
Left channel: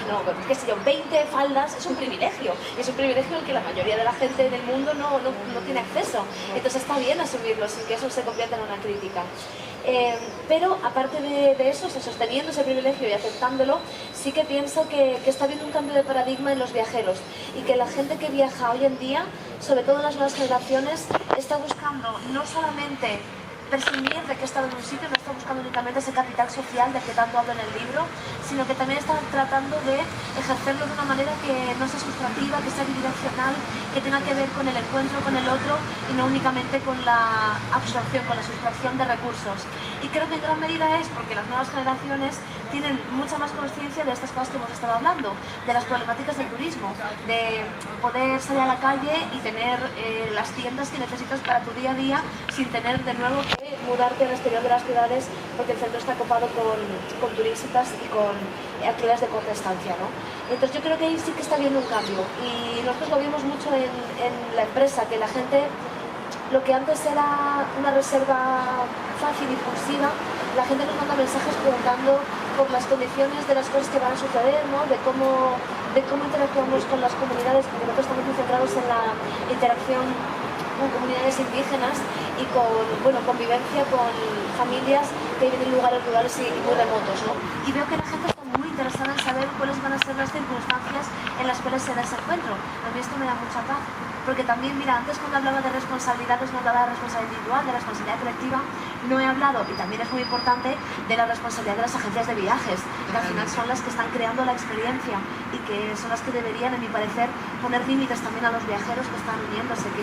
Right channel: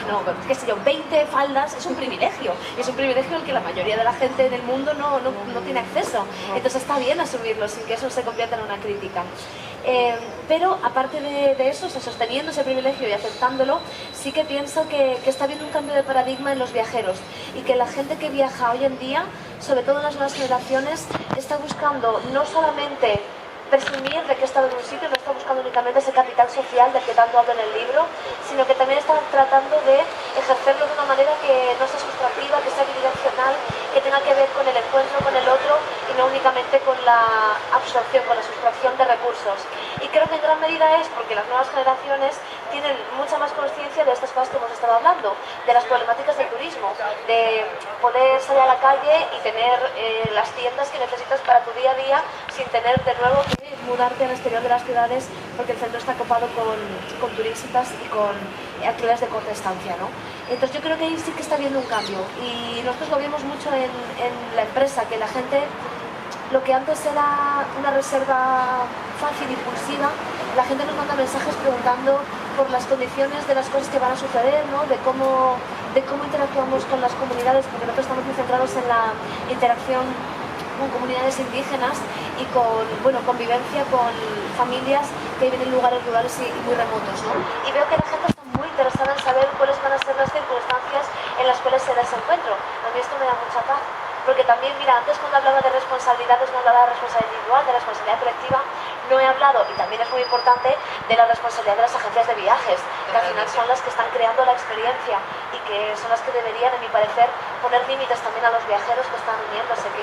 qué sé yo, 20 faldas, es un privilegio. Y es un privilegio al que la mayoría de la gente del mundo no tiene acceso. Entonces está bien asumirlo sin que eso se convierta en una crítica. Pero aparte de eso, o sea, sosteniendo ese privilegio y aceptándolo, sí que pienso que está habiendo un cambio de paradigma en los viajeros y que la gente que viaja hoy en día, sobre todo las nuevas generaciones, está buscando no solamente presumir de que ha estado en un sitio, no está buscando únicamente ese capital social del que tanto habla en el libro, sino que también está tratando de ejercerlo de una manera que no sea sustractiva, que sea bidireccional, que tenga que ver con el encuentro con el otro y no únicamente con la absorción, con la sustracción de recursos. Y creo que en gran medida es porque las nuevas generaciones tienen mucha más conciencia de estas cosas que hemos estado hablando, de las problemáticas del turismo, de poder salir a la calle y tener las tiendas que necesitas para tu día a día sin tener de nuevo que mudarte al exterior de las ciudades porque el centro está copado con turistas y con alquileres de corta estancia, ¿no? Entonces yo creo que ahí sí que está habiendo un cambio y nosotros lo vimos mucho en la empresa, que la gente, lo que antes era una reserva fácil, impulsiva, la gente nos manda mensajes preguntando por las condiciones de las cosas que van a suceder, ¿no? de cómo interactuamos con las comunidades, porque nosotros estamos muy centrados en la interacción con comunidades indígenas y con convivencia con familias que viven en lugares rurales y muy remotos, ¿no? Y veo que la gente está muy interesada en saber cuáles van a ser las circunstancias en las cuales se da ese encuentro. A mí esto me da mucha paz. Porque también, mira, antes cuando hablaba de responsabilidades no hablaba de responsabilidad individual, de responsabilidad colectiva, no he hablado, y también es muy importante, de la responsabilidad de las agencias de viajes, que al final son las que están creando la experiencia y que son las que deberían, en mi parecer, poner límites también a los viajeros que están uniéndose, que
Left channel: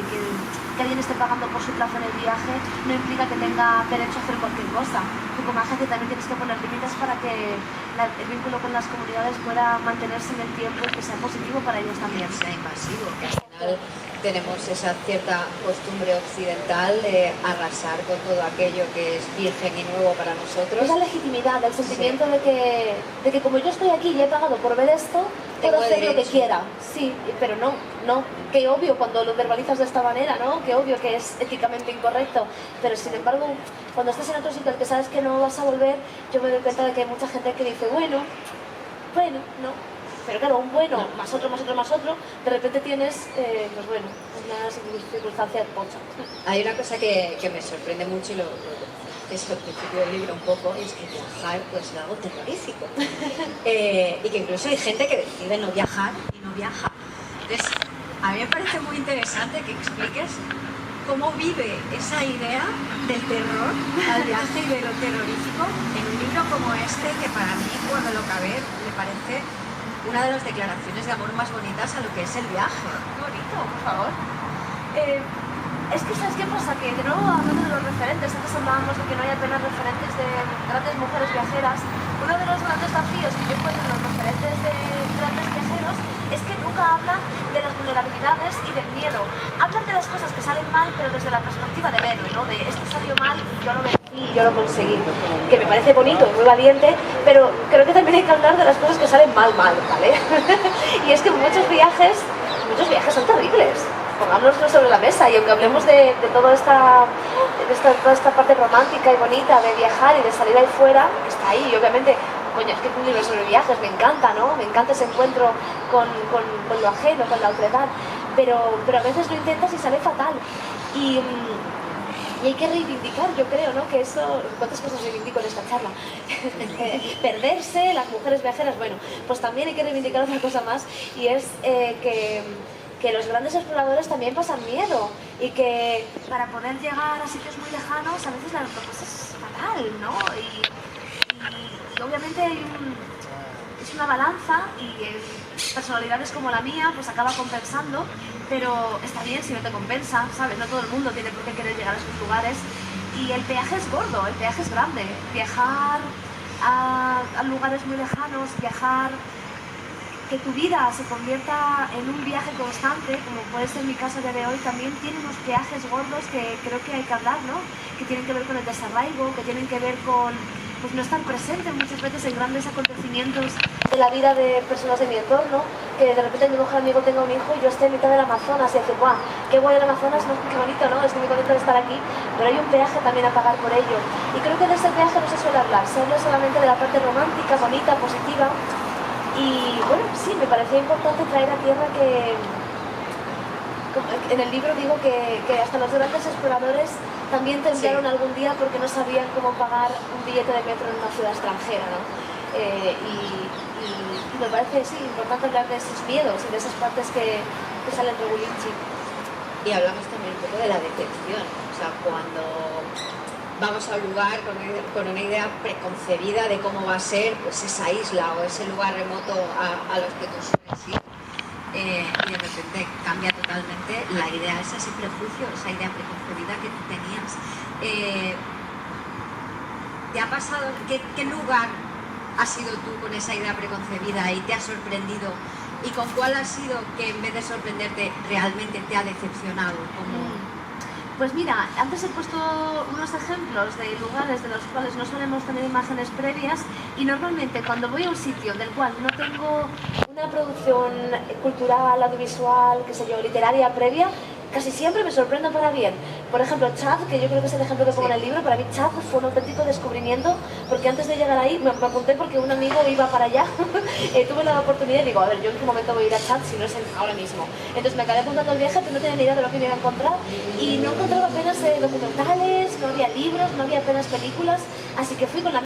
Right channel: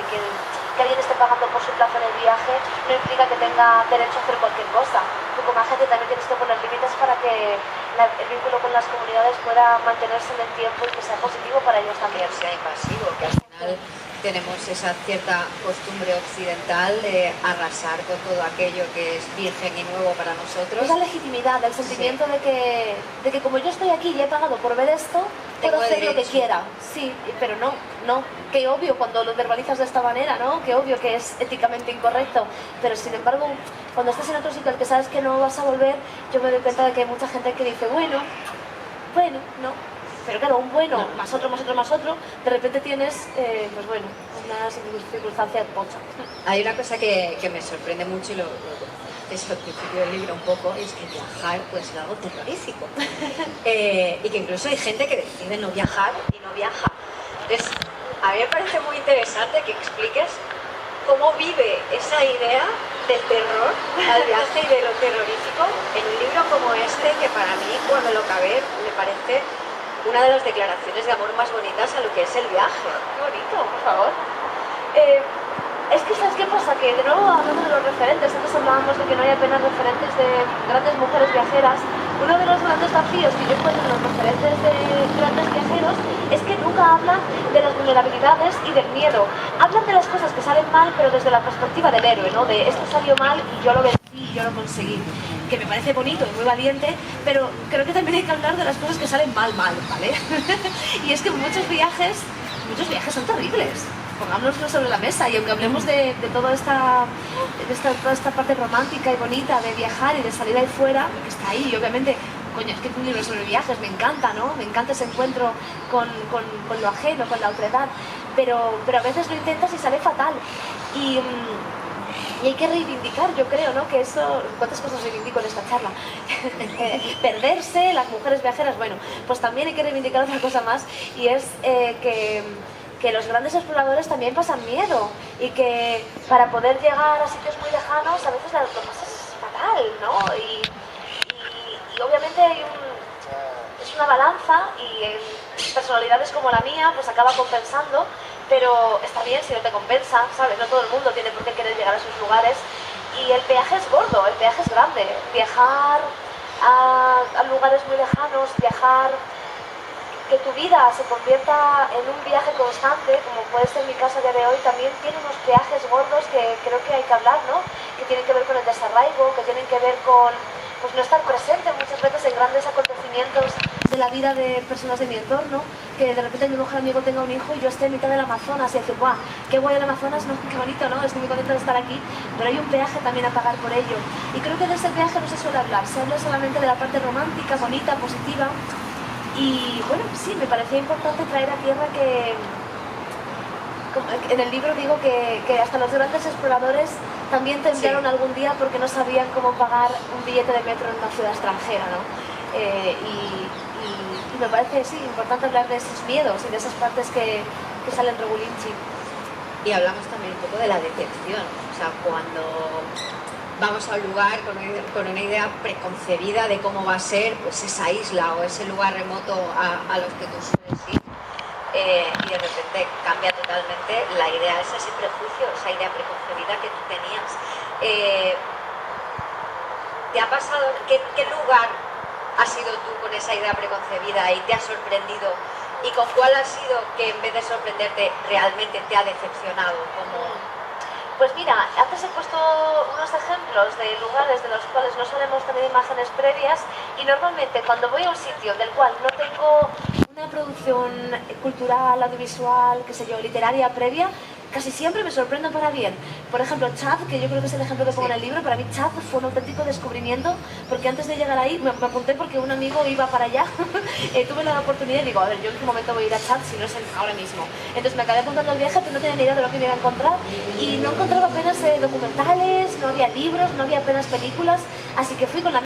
alguien esté pagando por su plaza en el viaje no implica que tenga derecho a hacer cualquier cosa. Tú como agencia también tienes que poner límites para que el vínculo con las comunidades pueda mantenerse en el tiempo y que sea positivo para ellos también. Que sea invasivo, que al final tenemos esa cierta costumbre occidental de arrasar con todo aquello que es virgen y nuevo para nosotros. Esa legitimidad, el sentimiento de que como yo estoy aquí y he pagado por ver esto, puedo hacer lo que quiera. Sí, pero no. Qué obvio cuando lo verbalizas de esta manera, ¿no? Qué obvio que es éticamente incorrecto. Pero sin embargo, cuando estás en otro sitio al que sabes que no vas a volver, yo me doy cuenta de que hay mucha gente que dice, bueno, no. Pero claro, un bueno, más otro, de repente tienes, una circunstancia pocha. Hay una cosa que me sorprende mucho y lo es al principio del libro un poco, es que viajar pues es algo terrorífico. Y que incluso hay gente que decide no viajar y no viaja. Entonces, a mí me parece muy interesante que expliques cómo vive esa idea del terror al viaje y de lo terrorífico en un libro como este, que para mí, cuando lo acabé, me parece una de las declaraciones de amor más bonitas a lo que es el viaje. Qué bonito, por favor. Es que, ¿sabes qué pasa? Que de nuevo, hablando de los referentes, antes hablábamos de que no hay apenas referentes de grandes mujeres viajeras. Uno de los grandes desafíos que yo encuentro en los referentes de grandes viajeros es que nunca hablan de las vulnerabilidades y del miedo. Hablan de las cosas que salen mal, pero desde la perspectiva del héroe, ¿no? De esto salió mal y yo lo vencí y yo lo conseguí. Que me parece bonito y muy valiente, pero creo que también hay que hablar de las cosas que salen mal, ¿vale? Y es que muchos viajes son terribles. Pongámoslo sobre la mesa y aunque hablemos de toda esta parte romántica y bonita de viajar y de salir ahí fuera, que está ahí, y obviamente, coño, es que es un libro sobre viajes, me encanta, ¿no? Me encanta ese encuentro con lo ajeno, con la otredad, pero a veces lo intentas y sale fatal. Y hay que reivindicar, yo creo, ¿no? Que eso... ¿Cuántas cosas reivindico en esta charla? Perderse, las mujeres viajeras, bueno, pues también hay que reivindicar otra cosa más y es que los grandes exploradores también pasan miedo y que para poder llegar a sitios muy lejanos a veces lo pasas fatal, ¿no? Y obviamente es una balanza y en personalidades como la mía pues acaba compensando, pero está bien si no te compensa, ¿sabes? No todo el mundo tiene por qué querer llegar a esos lugares y el viaje es gordo, el viaje es grande. Viajar a lugares muy lejanos, viajar que tu vida se convierta en un viaje constante, como puede ser mi caso a día de hoy, también tiene unos peajes gordos que creo que hay que hablar, ¿no? Que tienen que ver con el desarraigo, que tienen que ver con pues, no estar presente muchas veces en grandes acontecimientos de la vida de personas de mi entorno, que de repente mi mejor amigo tenga un hijo y yo esté en mitad del Amazonas y decir, ¡guau! ¡Qué guay el Amazonas! ¿No? ¡Qué bonito! ¿No? Estoy muy contenta de estar aquí, pero hay un peaje también a pagar por ello. Y creo que de ese peaje no se suele hablar, se habla solamente de la parte romántica, bonita, positiva. Y bueno, sí, me parecía importante traer a tierra que en el libro digo que hasta los grandes exploradores también temblaron algún día porque no sabían cómo pagar un billete de metro en una ciudad extranjera, ¿no? Y me parece, sí, importante hablar de esos miedos y de esas partes que salen regulinchi. Y hablamos también un poco de la decepción, o sea, cuando vamos a un lugar con una idea preconcebida de cómo va a ser pues esa isla o ese lugar remoto a los que tú sueles ir, y de repente cambia totalmente la idea, ese prejuicio, esa idea preconcebida que tú tenías. ¿Te ha pasado? ¿Qué lugar has sido tú con esa idea preconcebida y te ha sorprendido? ¿Y con cuál ha sido que en vez de sorprenderte realmente te ha decepcionado? Pues mira, antes he puesto unos ejemplos de lugares de los cuales no solemos tener imágenes previas y normalmente cuando voy a un sitio del cual no tengo una producción cultural, audiovisual, qué sé yo, literaria previa, casi siempre me sorprendo para bien. Por ejemplo, Chad, que yo creo que es el ejemplo que pongo en el libro, para mí Chad fue un auténtico descubrimiento, porque antes de llegar ahí me apunté porque un amigo iba para allá, tuve la oportunidad y digo, a ver, yo en qué momento voy a ir a Chad si no es ahora mismo. Entonces me acabé apuntando al viaje, pero no tenía ni idea de lo que me iba a encontrar y no encontraba apenas documentales, no había libros, no había apenas películas, así que fui con la